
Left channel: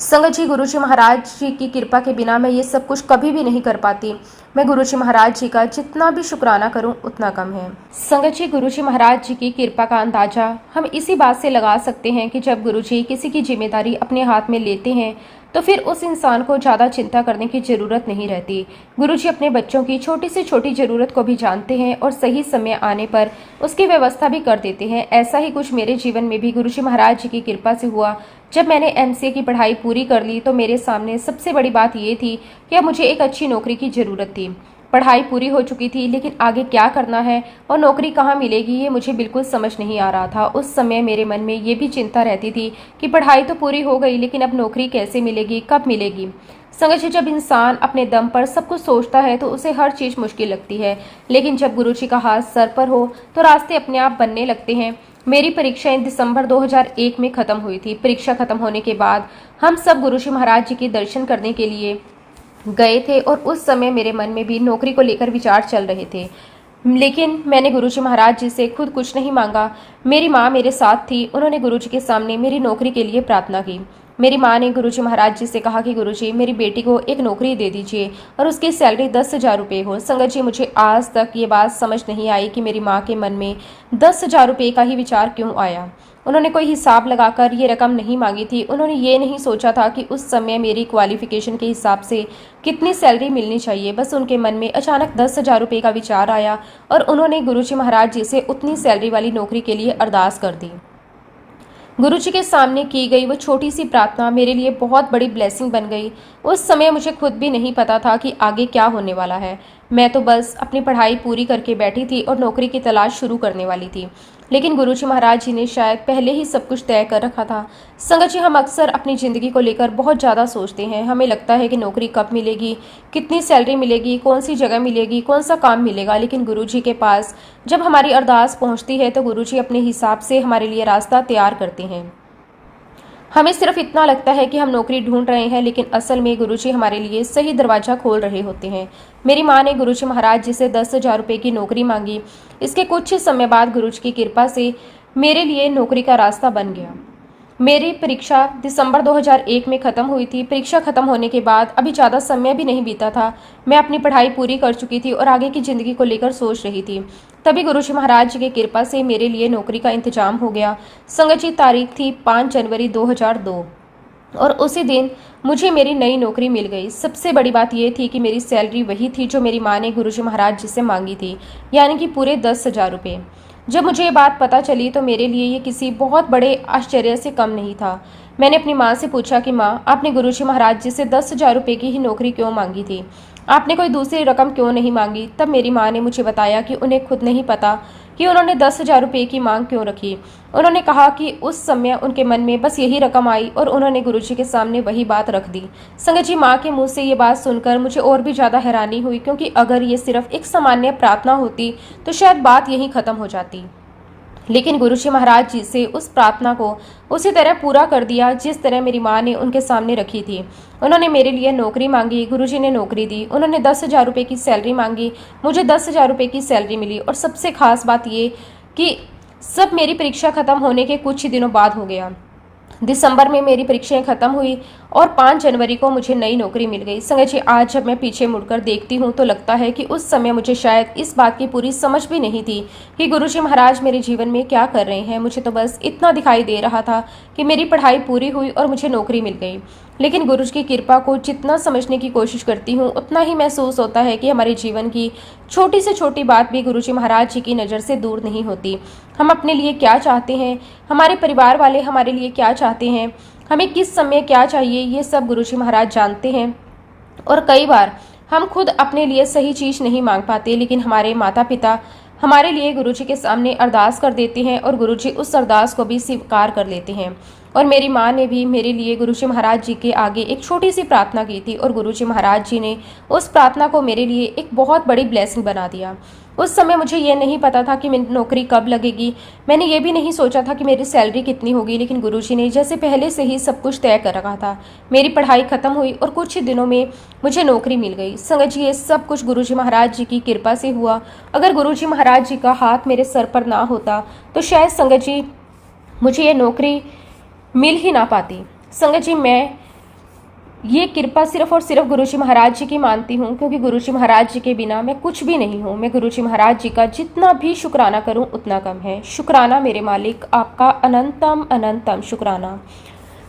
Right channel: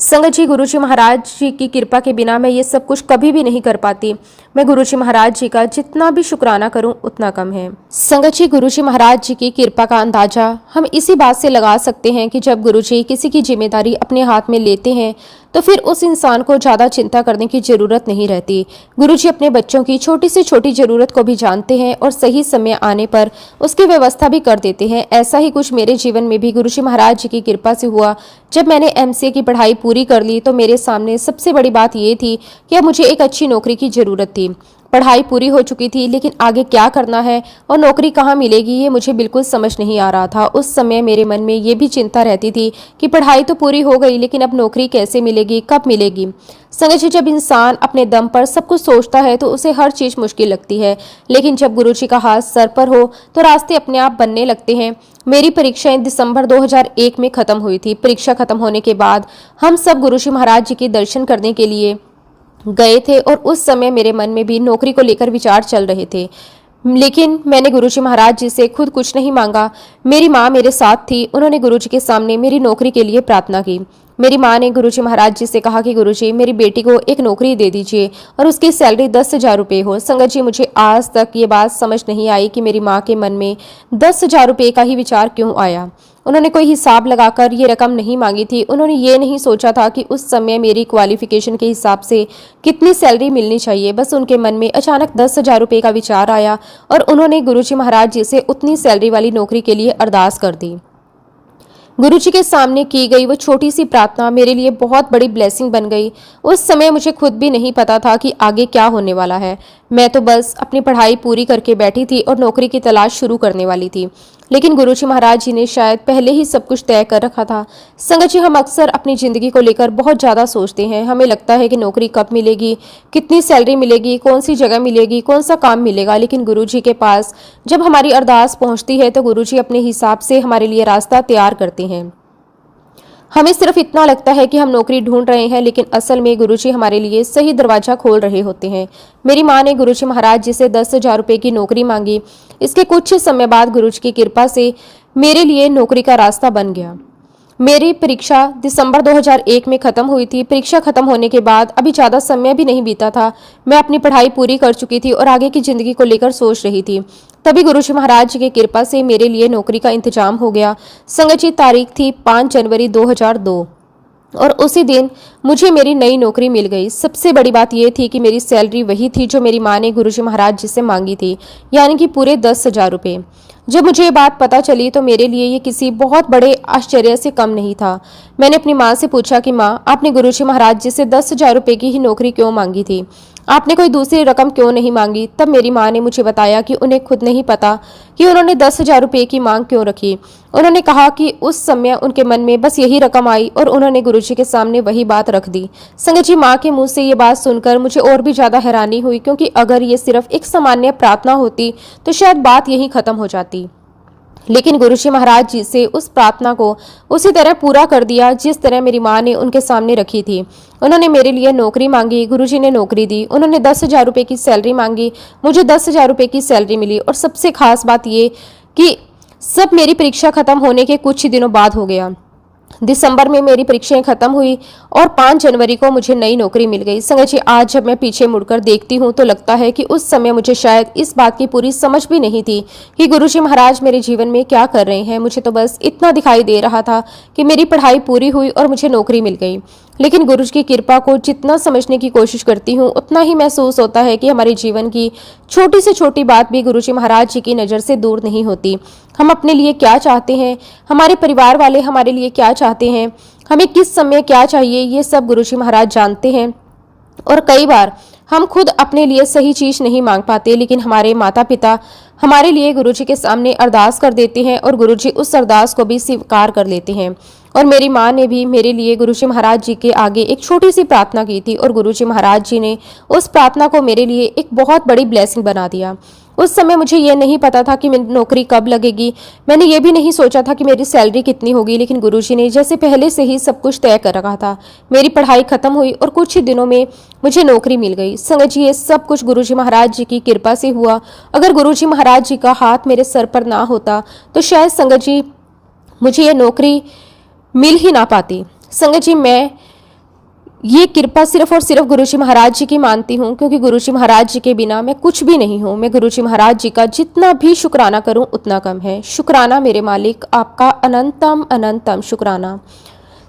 संगत जी, गुरुजी महाराज जी की कृपा के बिना मैं ये सब कुछ कभी भी नहीं कर पाती। मैं गुरुजी महाराज जी का जितना भी शुक्राना करूं उतना कम है। संगत जी, गुरुजी महाराज जी की कृपा का अंदाजा हम इसी बात से लगा सकते हैं कि जब गुरुजी किसी की जिम्मेदारी अपने हाथ में लेते हैं तो फिर उस इंसान को ज़्यादा चिंता करने की ज़रूरत नहीं रहती। गुरुजी अपने बच्चों की छोटी से छोटी ज़रूरत को भी जानते हैं और सही समय आने पर उसकी व्यवस्था भी कर देते हैं। ऐसा ही कुछ मेरे जीवन में भी गुरुजी महाराज जी की कृपा से हुआ। जब मैंने एमसीए की पढ़ाई पूरी कर ली तो मेरे सामने सबसे बड़ी बात ये थी कि अब मुझे एक अच्छी नौकरी की ज़रूरत थी। पढ़ाई पूरी हो चुकी थी, लेकिन आगे क्या करना है और नौकरी कहाँ मिलेगी ये मुझे बिल्कुल समझ नहीं आ रहा था। उस समय मेरे मन में ये भी चिंता रहती थी कि पढ़ाई तो पूरी हो गई, लेकिन अब नौकरी कैसे मिलेगी, कब मिलेगी। समझ, जब इंसान अपने दम पर सब कुछ सोचता है तो उसे हर चीज़ मुश्किल लगती है, लेकिन जब गुरुजी का हाथ सर पर हो तो रास्ते अपने आप बनने लगते हैं। मेरी परीक्षाएं दिसंबर 2001 में ख़त्म हुई थी। परीक्षा खत्म होने के बाद हम सब गुरुजी महाराज जी के दर्शन करने के लिए गए थे, और उस समय मेरे मन में भी नौकरी को लेकर विचार चल रहे थे। लेकिन मैंने गुरुजी महाराज जी से खुद कुछ नहीं मांगा। मेरी माँ मेरे साथ थी। उन्होंने गुरुजी के सामने मेरी नौकरी के लिए प्रार्थना की। मेरी माँ ने गुरुजी महाराज जी से कहा कि गुरुजी, मेरी बेटी को एक नौकरी दे दीजिए और उसकी सैलरी 10,000 रुपये हो। संगत जी, मुझे आज तक ये बात समझ नहीं आई कि मेरी माँ के मन में 10,000 रुपये का ही विचार क्यों आया। उन्होंने कोई हिसाब लगाकर ये रकम नहीं मांगी थी। उन्होंने ये नहीं सोचा था कि उस समय मेरी क्वालिफिकेशन के हिसाब से कितनी सैलरी मिलनी चाहिए। बस उनके मन में अचानक 10,000 रुपये का विचार आया और उन्होंने गुरुजी महाराज जी से उतनी सैलरी वाली नौकरी के लिए अरदास कर दी। गुरुजी के सामने की गई वो छोटी सी प्रार्थना मेरे लिए बहुत बड़ी ब्लेसिंग बन गई। उस समय मुझे खुद भी नहीं पता था कि आगे क्या होने वाला है। मैं तो बस अपनी पढ़ाई पूरी करके बैठी थी और नौकरी की तलाश शुरू करने वाली थी, लेकिन गुरुजी महाराज जी ने शायद पहले ही सब कुछ तय कर रखा था। संगत जी, हम अक्सर अपनी ज़िंदगी को लेकर बहुत ज़्यादा सोचते हैं। हमें लगता है कि नौकरी कब मिलेगी, कितनी सैलरी मिलेगी, कौन सी जगह मिलेगी, कौन सा काम मिलेगा। लेकिन गुरुजी के पास जब हमारी अरदास पहुंचती है तो गुरुजी अपने हिसाब से हमारे लिए रास्ता तैयार करते हैं। हमें सिर्फ इतना लगता है कि हम नौकरी ढूंढ रहे हैं, लेकिन असल में गुरुजी हमारे लिए सही दरवाजा खोल रहे होते हैं। मेरी माँ ने गुरुजी महाराज जी से 10,000 रुपये की नौकरी मांगी। इसके कुछ ही समय बाद गुरुजी की कृपा से मेरे लिए नौकरी का रास्ता बन गया। मेरी परीक्षा दिसंबर 2001 में ख़त्म हुई थी। परीक्षा ख़त्म होने के बाद अभी ज़्यादा समय भी नहीं बीता था। मैं अपनी पढ़ाई पूरी कर चुकी थी और आगे की ज़िंदगी को लेकर सोच रही थी। तभी गुरुजी महाराज जी की कृपा से मेरे लिए नौकरी का इंतजाम हो गया। संगत जी, तारीख थी 5 जनवरी 2002 और उसी दिन मुझे मेरी नई नौकरी मिल गई। सबसे बड़ी बात यह थी कि मेरी सैलरी वही थी जो मेरी माँ ने गुरुजी महाराज जी से मांगी थी, यानी कि पूरे 10,000 रुपये। जब मुझे ये बात पता चली तो मेरे लिए ये किसी बहुत बड़े आश्चर्य से कम नहीं था। मैंने अपनी माँ से पूछा कि माँ, आपने गुरुजी महाराज जी से 10,000 रुपये की ही नौकरी क्यों मांगी थी? आपने कोई दूसरी रकम क्यों नहीं मांगी? तब मेरी माँ ने मुझे बताया कि उन्हें खुद नहीं पता कि उन्होंने 10,000 रुपये की मांग क्यों रखी। उन्होंने कहा कि उस समय उनके मन में बस यही रकम आई और उन्होंने गुरुजी के सामने वही बात रख दी। संगत जी, माँ के मुंह से ये बात सुनकर मुझे और भी ज़्यादा हैरानी हुई, क्योंकि अगर ये सिर्फ एक सामान्य प्रार्थना होती तो शायद बात यहीं ख़त्म हो जाती। लेकिन गुरुजी महाराज जी से उस प्रार्थना को उसी तरह पूरा कर दिया जिस तरह मेरी माँ ने उनके सामने रखी थी। उन्होंने मेरे लिए नौकरी मांगी, गुरुजी ने नौकरी दी। उन्होंने 10,000 रुपये की सैलरी मांगी, मुझे 10,000 रुपये की सैलरी मिली। और सबसे खास बात ये कि सब मेरी परीक्षा खत्म होने के कुछ ही दिनों बाद हो गया। दिसंबर में मेरी परीक्षाएं खत्म हुई और 5 जनवरी को मुझे नई नौकरी मिल गई। संगत जी, आज जब मैं पीछे मुड़कर देखती हूँ तो लगता है कि उस समय मुझे शायद इस बात की पूरी समझ भी नहीं थी कि गुरुजी महाराज मेरे जीवन में क्या कर रहे हैं। मुझे तो बस इतना दिखाई दे रहा था कि मेरी पढ़ाई पूरी हुई और मुझे नौकरी मिल गई। लेकिन गुरुजी की कृपा को जितना समझने की कोशिश करती हूँ उतना ही महसूस होता है कि हमारे जीवन की छोटी से छोटी बात भी गुरुजी महाराज जी की नज़र से दूर नहीं होती। हम अपने लिए क्या चाहते हैं, हमारे परिवार वाले हमारे लिए क्या चाहते हैं, हमें किस समय क्या चाहिए, ये सब गुरुजी महाराज जानते हैं। और कई बार हम खुद अपने लिए सही चीज़ नहीं मांग पाते, लेकिन हमारे माता पिता हमारे लिए गुरुजी के सामने अरदास कर देते हैं और गुरुजी उस अरदास को भी स्वीकार कर लेते हैं। और मेरी माँ ने भी मेरे लिए गुरुजी महाराज जी के आगे एक छोटी सी प्रार्थना की थी और गुरुजी महाराज जी ने उस प्रार्थना को मेरे लिए एक बहुत बड़ी ब्लेसिंग बना दिया। उस समय मुझे ये नहीं पता था कि मेरी नौकरी कब लगेगी, मैंने ये भी नहीं सोचा था कि मेरी सैलरी कितनी होगी, लेकिन गुरुजी ने जैसे पहले से ही सब कुछ तय कर रखा था। मेरी पढ़ाई खत्म हुई और कुछ ही दिनों में मुझे नौकरी मिल गई। संगत जी, ये सब कुछ गुरुजी महाराज जी की कृपा से हुआ। अगर गुरुजी महाराज जी का हाथ मेरे सर पर ना होता तो शायद संगत जी मुझे ये नौकरी मिल ही ना पाती। संगत जी, मैं ये कृपा सिर्फ और सिर्फ गुरुजी महाराज जी की मानती हूँ, क्योंकि गुरुजी महाराज जी के बिना मैं कुछ भी नहीं हूँ। मैं गुरुजी महाराज जी का जितना भी शुक्राना करूँ उतना कम है। शुक्राना मेरे मालिक, आपका अनंतम अनंतम शुक्राना।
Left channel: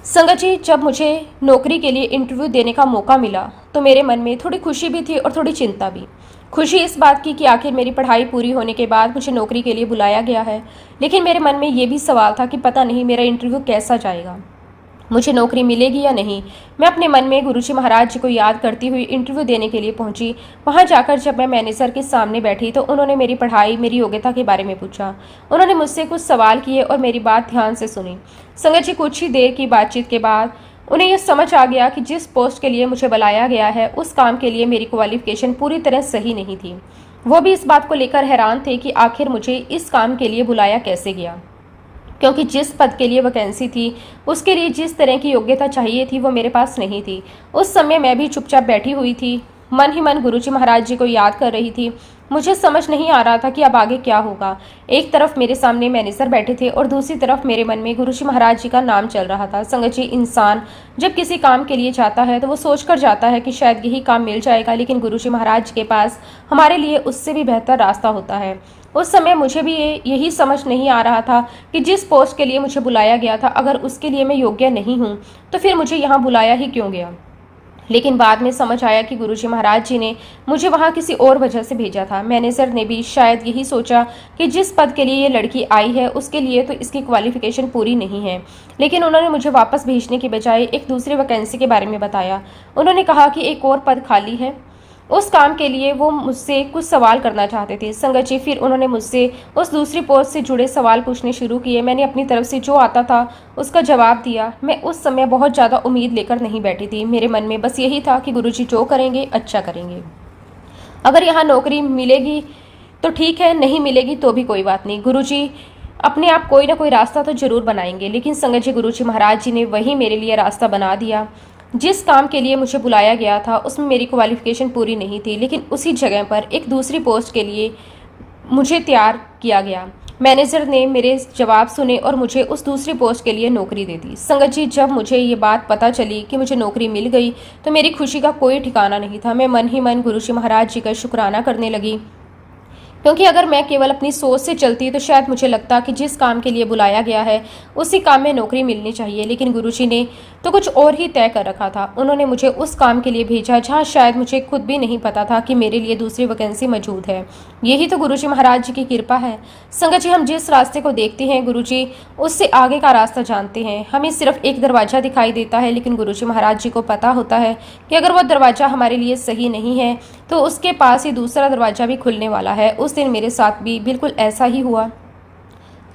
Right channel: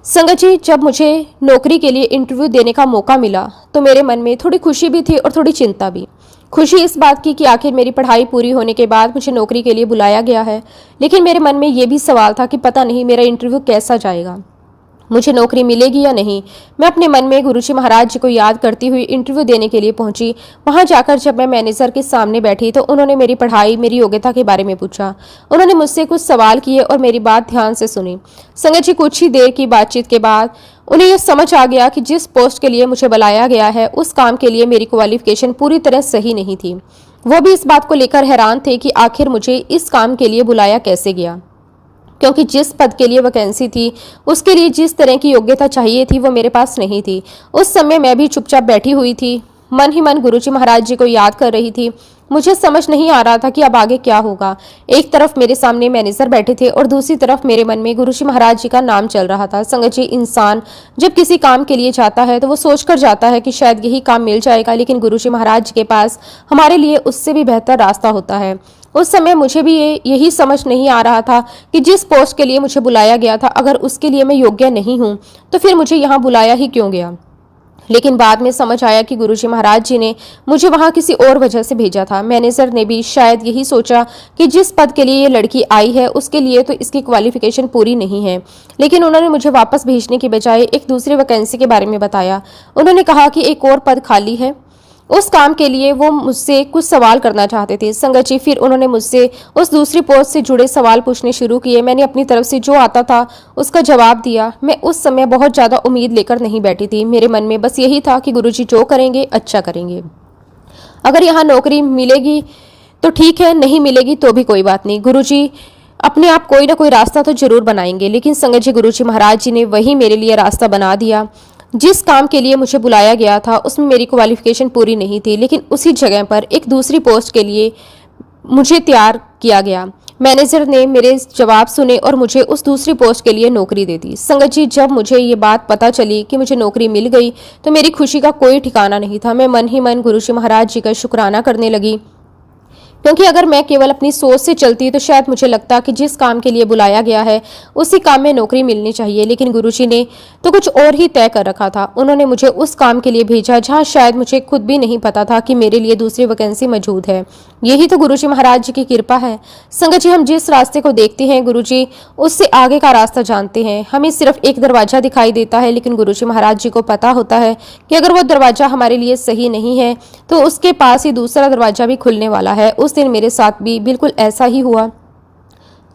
संगत जी, जब मुझे नौकरी के लिए इंटरव्यू देने का मौका मिला तो मेरे मन में थोड़ी खुशी भी थी और थोड़ी चिंता भी। खुशी इस बात की कि आखिर मेरी पढ़ाई पूरी होने के बाद मुझे नौकरी के लिए बुलाया गया है, लेकिन मेरे मन में ये भी सवाल था कि पता नहीं मेरा इंटरव्यू कैसा जाएगा, मुझे नौकरी मिलेगी या नहीं। मैं अपने मन में गुरुजी महाराज जी को याद करती हुई इंटरव्यू देने के लिए पहुंची। वहां जाकर जब मैं मैनेजर के सामने बैठी तो उन्होंने मेरी पढ़ाई, मेरी योग्यता के बारे में पूछा। उन्होंने मुझसे कुछ सवाल किए और मेरी बात ध्यान से सुनी। संगत जी, कुछ ही देर की बातचीत के बाद उन्हें यह समझ आ गया कि जिस पोस्ट के लिए मुझे बुलाया गया है उस काम के लिए मेरी क्वालिफिकेशन पूरी तरह सही नहीं थी। वो भी इस बात को लेकर हैरान थे कि आखिर मुझे इस काम के लिए बुलाया कैसे गया, क्योंकि जिस पद के लिए वैकेंसी थी उसके लिए जिस तरह की योग्यता चाहिए थी वो मेरे पास नहीं थी। उस समय मैं भी चुपचाप बैठी हुई थी, मन ही मन गुरुजी महाराज जी को याद कर रही थी। मुझे समझ नहीं आ रहा था कि अब आगे क्या होगा। एक तरफ मेरे सामने मैनेजर बैठे थे और दूसरी तरफ मेरे मन में गुरुजी महाराज जी का नाम चल रहा था। संगत जी, इंसान जब किसी काम के लिए जाता है तो वो सोचकर जाता है कि शायद यही काम मिल जाएगा, लेकिन गुरुजी महाराज जी के पास हमारे लिए उससे भी बेहतर रास्ता होता है। उस समय मुझे भी यही समझ नहीं आ रहा था कि जिस पोस्ट के लिए मुझे बुलाया गया था, अगर उसके लिए मैं योग्य नहीं हूँ तो फिर मुझे यहाँ बुलाया ही क्यों गया। लेकिन बाद में समझ आया कि गुरुजी महाराज जी ने मुझे वहाँ किसी और वजह से भेजा था। मैनेजर ने भी शायद यही सोचा कि जिस पद के लिए ये लड़की आई है उसके लिए तो इसकी क्वालिफिकेशन पूरी नहीं है, लेकिन उन्होंने मुझे वापस भेजने के बजाय एक दूसरी वैकेंसी के बारे में बताया। उन्होंने कहा कि एक और पद खाली है, उस काम के लिए वो मुझसे कुछ सवाल करना चाहते थे। संगत जी, फिर उन्होंने मुझसे उस दूसरी पोस्ट से जुड़े सवाल पूछने शुरू किए। मैंने अपनी तरफ से जो आता था उसका जवाब दिया। मैं उस समय बहुत ज़्यादा उम्मीद लेकर नहीं बैठी थी। मेरे मन में बस यही था कि गुरुजी जो करेंगे अच्छा करेंगे। अगर यहाँ नौकरी मिलेगी तो ठीक है, नहीं मिलेगी तो भी कोई बात नहीं, गुरुजी अपने आप कोई ना कोई रास्ता तो जरूर बनाएंगे। लेकिन संगत जी, गुरुजी महाराज जी ने वही मेरे लिए रास्ता बना दिया। जिस काम के लिए मुझे बुलाया गया था उसमें मेरी क्वालिफिकेशन पूरी नहीं थी, लेकिन उसी जगह पर एक दूसरी पोस्ट के लिए मुझे तैयार किया गया। मैनेजर ने मेरे जवाब सुने और मुझे उस दूसरी पोस्ट के लिए नौकरी दे दी। संगत जी, जब मुझे ये बात पता चली कि मुझे नौकरी मिल गई तो मेरी खुशी का कोई ठिकाना नहीं था। मैं मन ही मन गुरुजी महाराज जी का शुक्राना करने लगी, क्योंकि अगर मैं केवल अपनी सोच से चलती तो शायद मुझे लगता कि जिस काम के लिए बुलाया गया है उसी काम में नौकरी मिलनी चाहिए। लेकिन गुरुजी ने तो कुछ और ही तय कर रखा था। उन्होंने मुझे उस काम के लिए भेजा जहां शायद मुझे खुद भी नहीं पता था कि मेरे लिए दूसरी वैकेंसी मौजूद है। यही तो गुरुजी महाराज जी की कृपा है। संगत जी, हम जिस रास्ते को देखते हैं गुरुजी उससे आगे का रास्ता जानते हैं। हमें सिर्फ एक दरवाजा दिखाई देता है, लेकिन गुरुजी महाराज जी को पता होता है कि अगर वो दरवाजा हमारे लिए सही नहीं है तो उसके पास ही दूसरा दरवाजा भी खुलने वाला है। उस दिन मेरे साथ भी बिल्कुल ऐसा ही हुआ।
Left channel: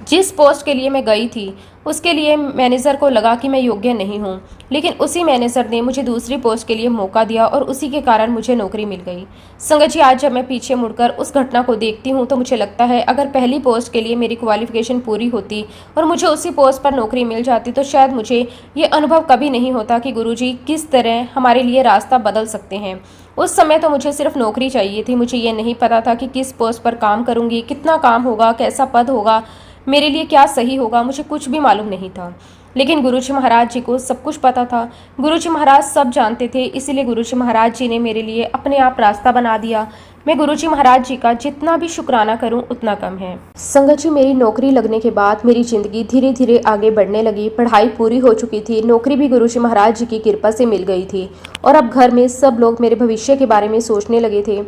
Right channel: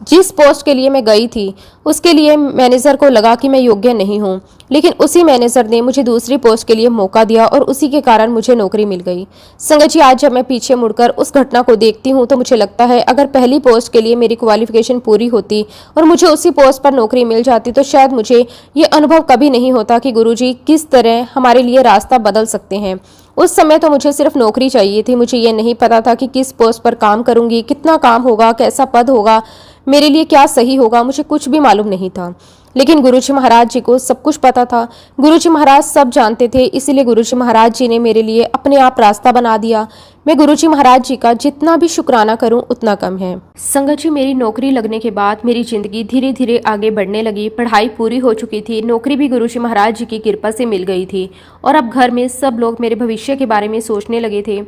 जिस पोस्ट के लिए मैं गई थी उसके लिए मैनेजर को लगा कि मैं योग्य नहीं हूँ, लेकिन उसी मैनेजर ने मुझे दूसरी पोस्ट के लिए मौका दिया और उसी के कारण मुझे नौकरी मिल गई। संगत जी, आज जब मैं पीछे मुड़कर उस घटना को देखती हूँ तो मुझे लगता है अगर पहली पोस्ट के लिए मेरी क्वालिफिकेशन पूरी होती और मुझे उसी पोस्ट पर नौकरी मिल जाती तो शायद मुझे ये अनुभव कभी नहीं होता कि गुरुजी किस तरह हमारे लिए रास्ता बदल सकते हैं। उस समय तो मुझे सिर्फ नौकरी चाहिए थी, मुझे ये नहीं पता था कि किस पोस्ट पर काम करूंगी, कितना काम होगा, कैसा पद होगा, मेरे लिए क्या सही होगा, मुझे कुछ भी मालूम नहीं था। लेकिन गुरुजी महाराज जी को सब कुछ पता था। गुरुजी महाराज सब जानते थे, इसीलिए गुरुजी महाराज जी ने मेरे लिए अपने आप रास्ता बना दिया। मैं गुरुजी महाराज जी का जितना भी शुक्राना करूं उतना कम है। संगत जी, मेरी नौकरी लगने के बाद मेरी जिंदगी धीरे धीरे आगे बढ़ने लगी। पढ़ाई पूरी हो चुकी थी, नौकरी भी गुरुजी महाराज जी की कृपा से मिल गई थी और अब घर में सब लोग मेरे भविष्य के बारे में सोचने लगे थे।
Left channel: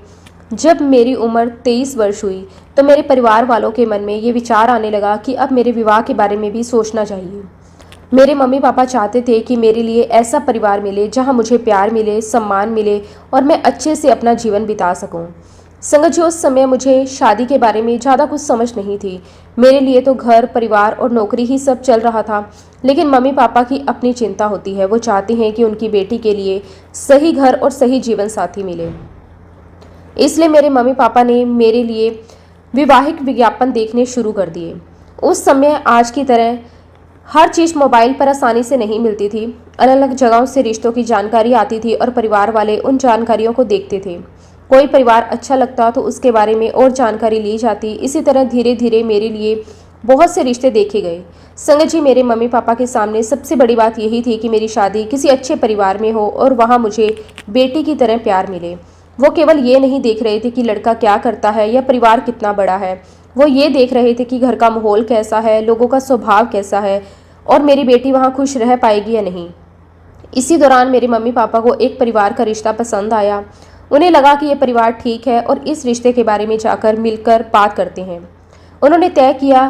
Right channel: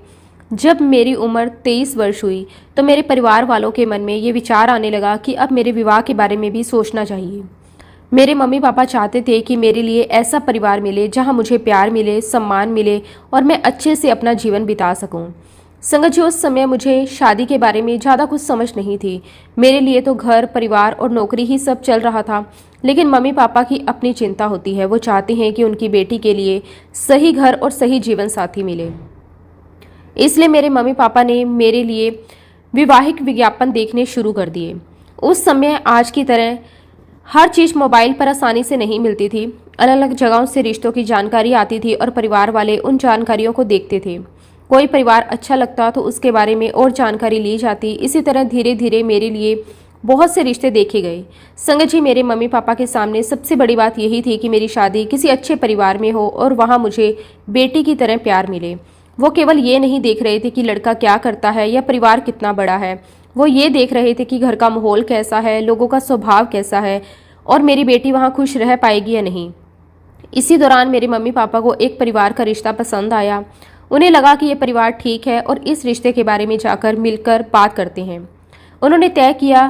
जब मेरी उम्र 23 वर्ष हुई तो मेरे परिवार वालों के मन में ये विचार आने लगा कि अब मेरे विवाह के बारे में भी सोचना चाहिए। मेरे मम्मी पापा चाहते थे कि मेरे लिए ऐसा परिवार मिले जहां मुझे प्यार मिले, सम्मान मिले और मैं अच्छे से अपना जीवन बिता सकूं। संगत जी, उस समय मुझे शादी के बारे में ज़्यादा कुछ समझ नहीं थी। मेरे लिए तो घर, परिवार और नौकरी ही सब चल रहा था। लेकिन मम्मी पापा की अपनी चिंता होती है, वो चाहते हैं कि उनकी बेटी के लिए सही घर और सही जीवन साथी मिले। इसलिए मेरे मम्मी पापा ने मेरे लिए विवाहिक विज्ञापन देखने शुरू कर दिए। उस समय आज की तरह हर चीज़ मोबाइल पर आसानी से नहीं मिलती थी। अलग अलग जगहों से रिश्तों की जानकारी आती थी और परिवार वाले उन जानकारियों को देखते थे। कोई परिवार अच्छा लगता तो उसके बारे में और जानकारी ली जाती। इसी तरह धीरे धीरे मेरे लिए बहुत से रिश्ते देखे गए। संगत जी, मेरे मम्मी पापा के सामने सबसे बड़ी बात यही थी कि मेरी शादी किसी अच्छे परिवार में हो और वहाँ मुझे बेटी की तरह प्यार मिले। वो केवल ये नहीं देख रहे थे कि लड़का क्या करता है या परिवार कितना बड़ा है, वो ये देख रहे थे कि घर का माहौल कैसा है, लोगों का स्वभाव कैसा है और मेरी बेटी वहाँ खुश रह पाएगी या नहीं। इसी दौरान मेरे मम्मी पापा को एक परिवार का रिश्ता पसंद आया। उन्हें लगा कि ये परिवार ठीक है और इस रिश्ते के बारे में जाकर मिलकर बात करते हैं। उन्होंने तय किया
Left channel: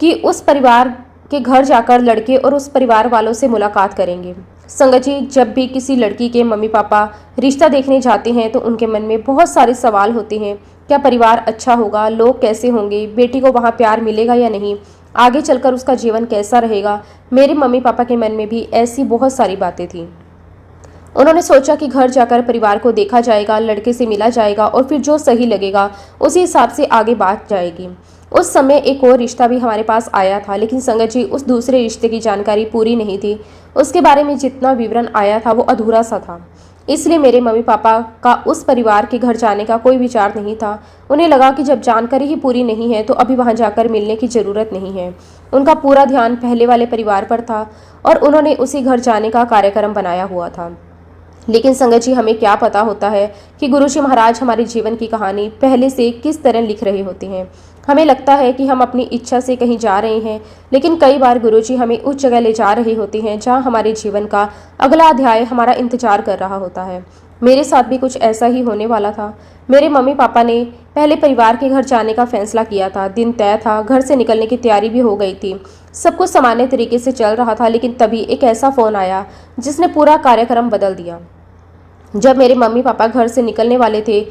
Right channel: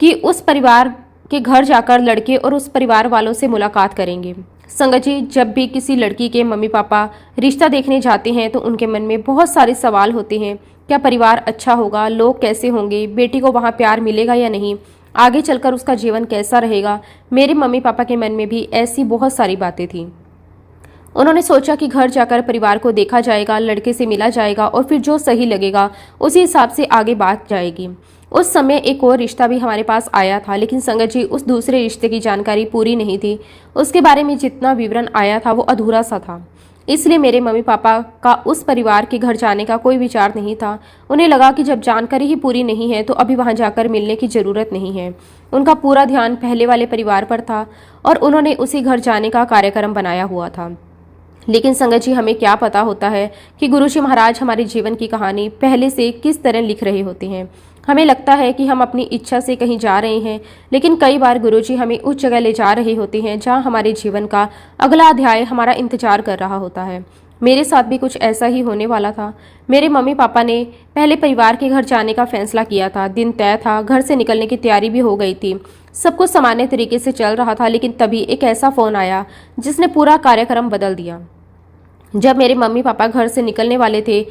कि उस परिवार के घर जाकर लड़के और उस परिवार वालों से मुलाकात करेंगे। संगत जी, जब भी किसी लड़की के मम्मी पापा रिश्ता देखने जाते हैं तो उनके मन में बहुत सारे सवाल होते हैं। क्या परिवार अच्छा होगा, लोग कैसे होंगे, बेटी को वहाँ प्यार मिलेगा या नहीं, आगे चलकर उसका जीवन कैसा रहेगा। मेरे मम्मी पापा के मन में भी ऐसी बहुत सारी बातें थी। उन्होंने सोचा कि घर जाकर परिवार को देखा जाएगा, लड़के से मिला जाएगा और फिर जो सही लगेगा उसी हिसाब से आगे बात जाएगी। उस समय एक और रिश्ता भी हमारे पास आया था, लेकिन संगत जी, उस दूसरे रिश्ते की जानकारी पूरी नहीं थी। उसके बारे में जितना विवरण आया था वो अधूरा सा था। इसलिए मेरे मम्मी पापा का उस परिवार के घर जाने का कोई विचार नहीं था। उन्हें लगा कि जब जानकारी ही पूरी नहीं है तो अभी वहां जाकर मिलने की जरूरत नहीं है। उनका पूरा ध्यान पहले वाले परिवार पर था और उन्होंने उसी घर जाने का कार्यक्रम बनाया हुआ था। लेकिन संगत जी, हमें क्या पता होता है कि गुरुजी महाराज हमारे जीवन की कहानी पहले से किस तरह लिख रहे होते हैं। हमें लगता है कि हम अपनी इच्छा से कहीं जा रहे हैं, लेकिन कई बार गुरुजी हमें उस जगह ले जा रहे होते हैं जहां हमारे जीवन का अगला अध्याय हमारा इंतजार कर रहा होता है। मेरे साथ भी कुछ ऐसा ही होने वाला था। मेरे मम्मी पापा ने पहले परिवार के घर जाने का फैसला किया था। दिन तय था, घर से निकलने की तैयारी भी हो गई थी। सब कुछ सामान्य तरीके से चल रहा था, लेकिन तभी एक ऐसा फोन आया जिसने पूरा कार्यक्रम बदल दिया। जब मेरे मम्मी पापा घर से निकलने वाले थे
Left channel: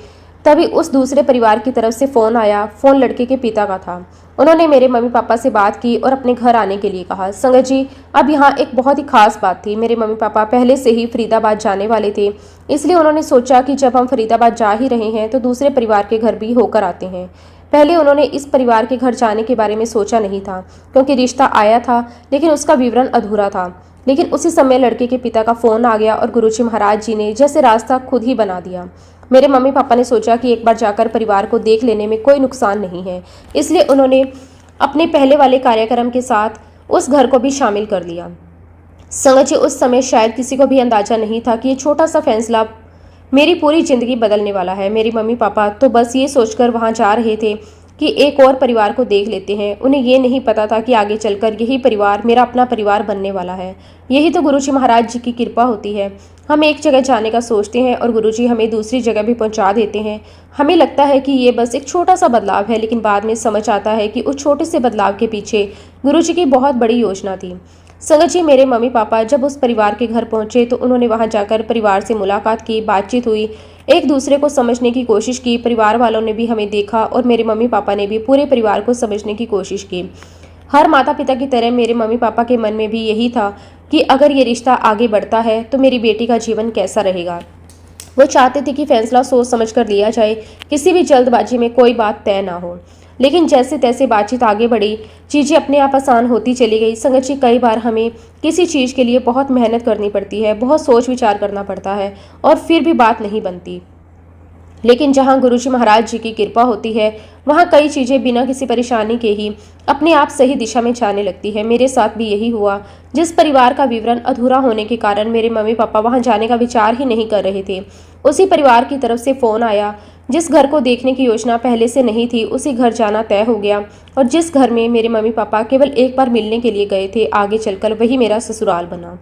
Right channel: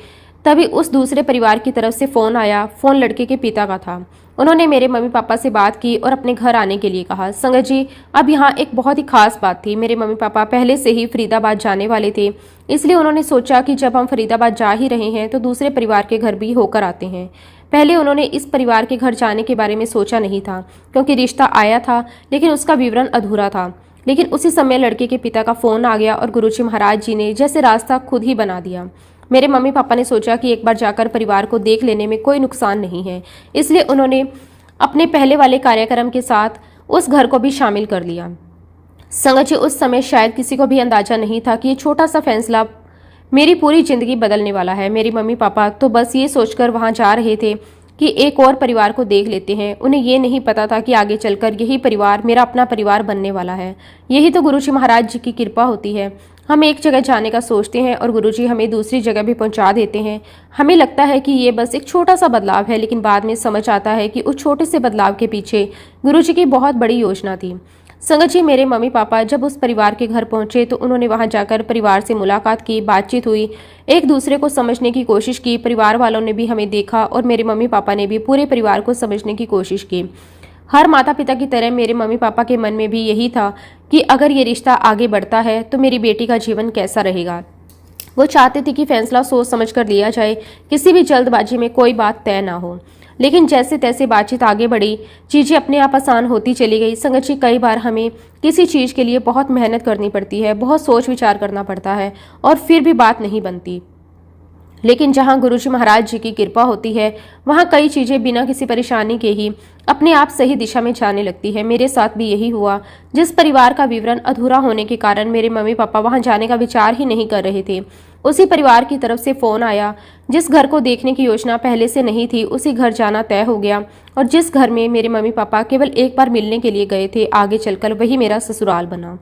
तभी उस दूसरे परिवार की तरफ से फोन आया। फोन लड़के के पिता का था। उन्होंने मेरे मम्मी पापा से बात की और अपने घर आने के लिए कहा। संगत जी, अब यहाँ एक बहुत ही खास बात थी। मेरे मम्मी पापा पहले से ही फरीदाबाद जाने वाले थे, इसलिए उन्होंने सोचा कि जब हम फरीदाबाद जा ही रहे हैं तो दूसरे परिवार के घर भी होकर आते हैं। पहले उन्होंने इस परिवार के घर जाने के बारे में सोचा नहीं था, क्योंकि रिश्ता आया था लेकिन उसका विवरण अधूरा था। लेकिन उसी समय लड़के के पिता का फोन आ गया और गुरुजी महाराज जी ने जैसे रास्ता खुद ही बना दिया। मेरे मम्मी पापा ने सोचा कि एक बार जाकर परिवार को देख लेने में कोई नुकसान नहीं है, इसलिए उन्होंने अपने पहले वाले कार्यक्रम के साथ उस घर को भी शामिल कर लिया। संगत जी, उस समय शायद किसी को भी अंदाजा नहीं था कि ये छोटा सा फैसला मेरी पूरी जिंदगी बदलने वाला है। मेरे मम्मी पापा तो बस ये सोचकर वहां जा रहे थे कि एक और परिवार को देख लेते हैं। उन्हें ये नहीं पता था कि आगे चलकर यही परिवार मेरा अपना परिवार बनने वाला है। यही तो गुरुजी महाराज जी की कृपा होती है। हम एक जगह जाने का सोचते हैं और गुरुजी हमें दूसरी जगह भी पहुंचा देते हैं। हमें लगता है कि ये बस एक छोटा सा बदलाव है, लेकिन बाद में समझ आता है कि उस छोटे से बदलाव के पीछे गुरुजी की बहुत बड़ी योजना थी। संगत जी, मेरे मम्मी पापा जब उस परिवार के घर पहुंचे तो उन्होंने वहां जाकर परिवार से मुलाकात की, बातचीत हुई, एक दूसरे को समझने की कोशिश की। परिवार वालों ने भी हमें देखा और मेरे मम्मी पापा ने भी पूरे परिवार को समझने की कोशिश की। हर माता पिता की तरह मेरे मम्मी पापा के मन में भी यही था कि अगर ये रिश्ता आगे बढ़ता है तो मेरी बेटी का जीवन कैसा रहेगा। वो चाहते थे कि फैसला सोच समझ कर लिया जाए, किसी भी जल्दबाजी में कोई बात तय ना हो। लेकिन जैसे तैसे बातचीत आगे बढ़ी, चीजें अपने आप आसान होती चली गई। संगत जी, कई बार हमें किसी चीज के लिए बहुत मेहनत करनी पड़ती है, बहुत सोच विचार करना पड़ता है और फिर भी बात नहीं बनती। लेकिन जहां गुरुजी महाराज जी की कृपा होती है, वहां कई चीजें बिना किसी परेशानी के ही अपने आप सही दिशा में जाने लगती है। मेरे साथ भी यही हुआ। जिस परिवार का विवरण अधूरा होने के कारण मेरे मम्मी पापा वहां जाने का विचार ही नहीं कर रहे थे, उसी परिवार की तरफ से फोन आया। जिस घर को देखने की योजना पहले से नहीं थी, उसी घर जाना तय हो गया। और जिस घर में मेरे मम्मी पापा केवल एक बार मिलने के लिए गए थे, आगे चलकर वही मेरा ससुराल बना।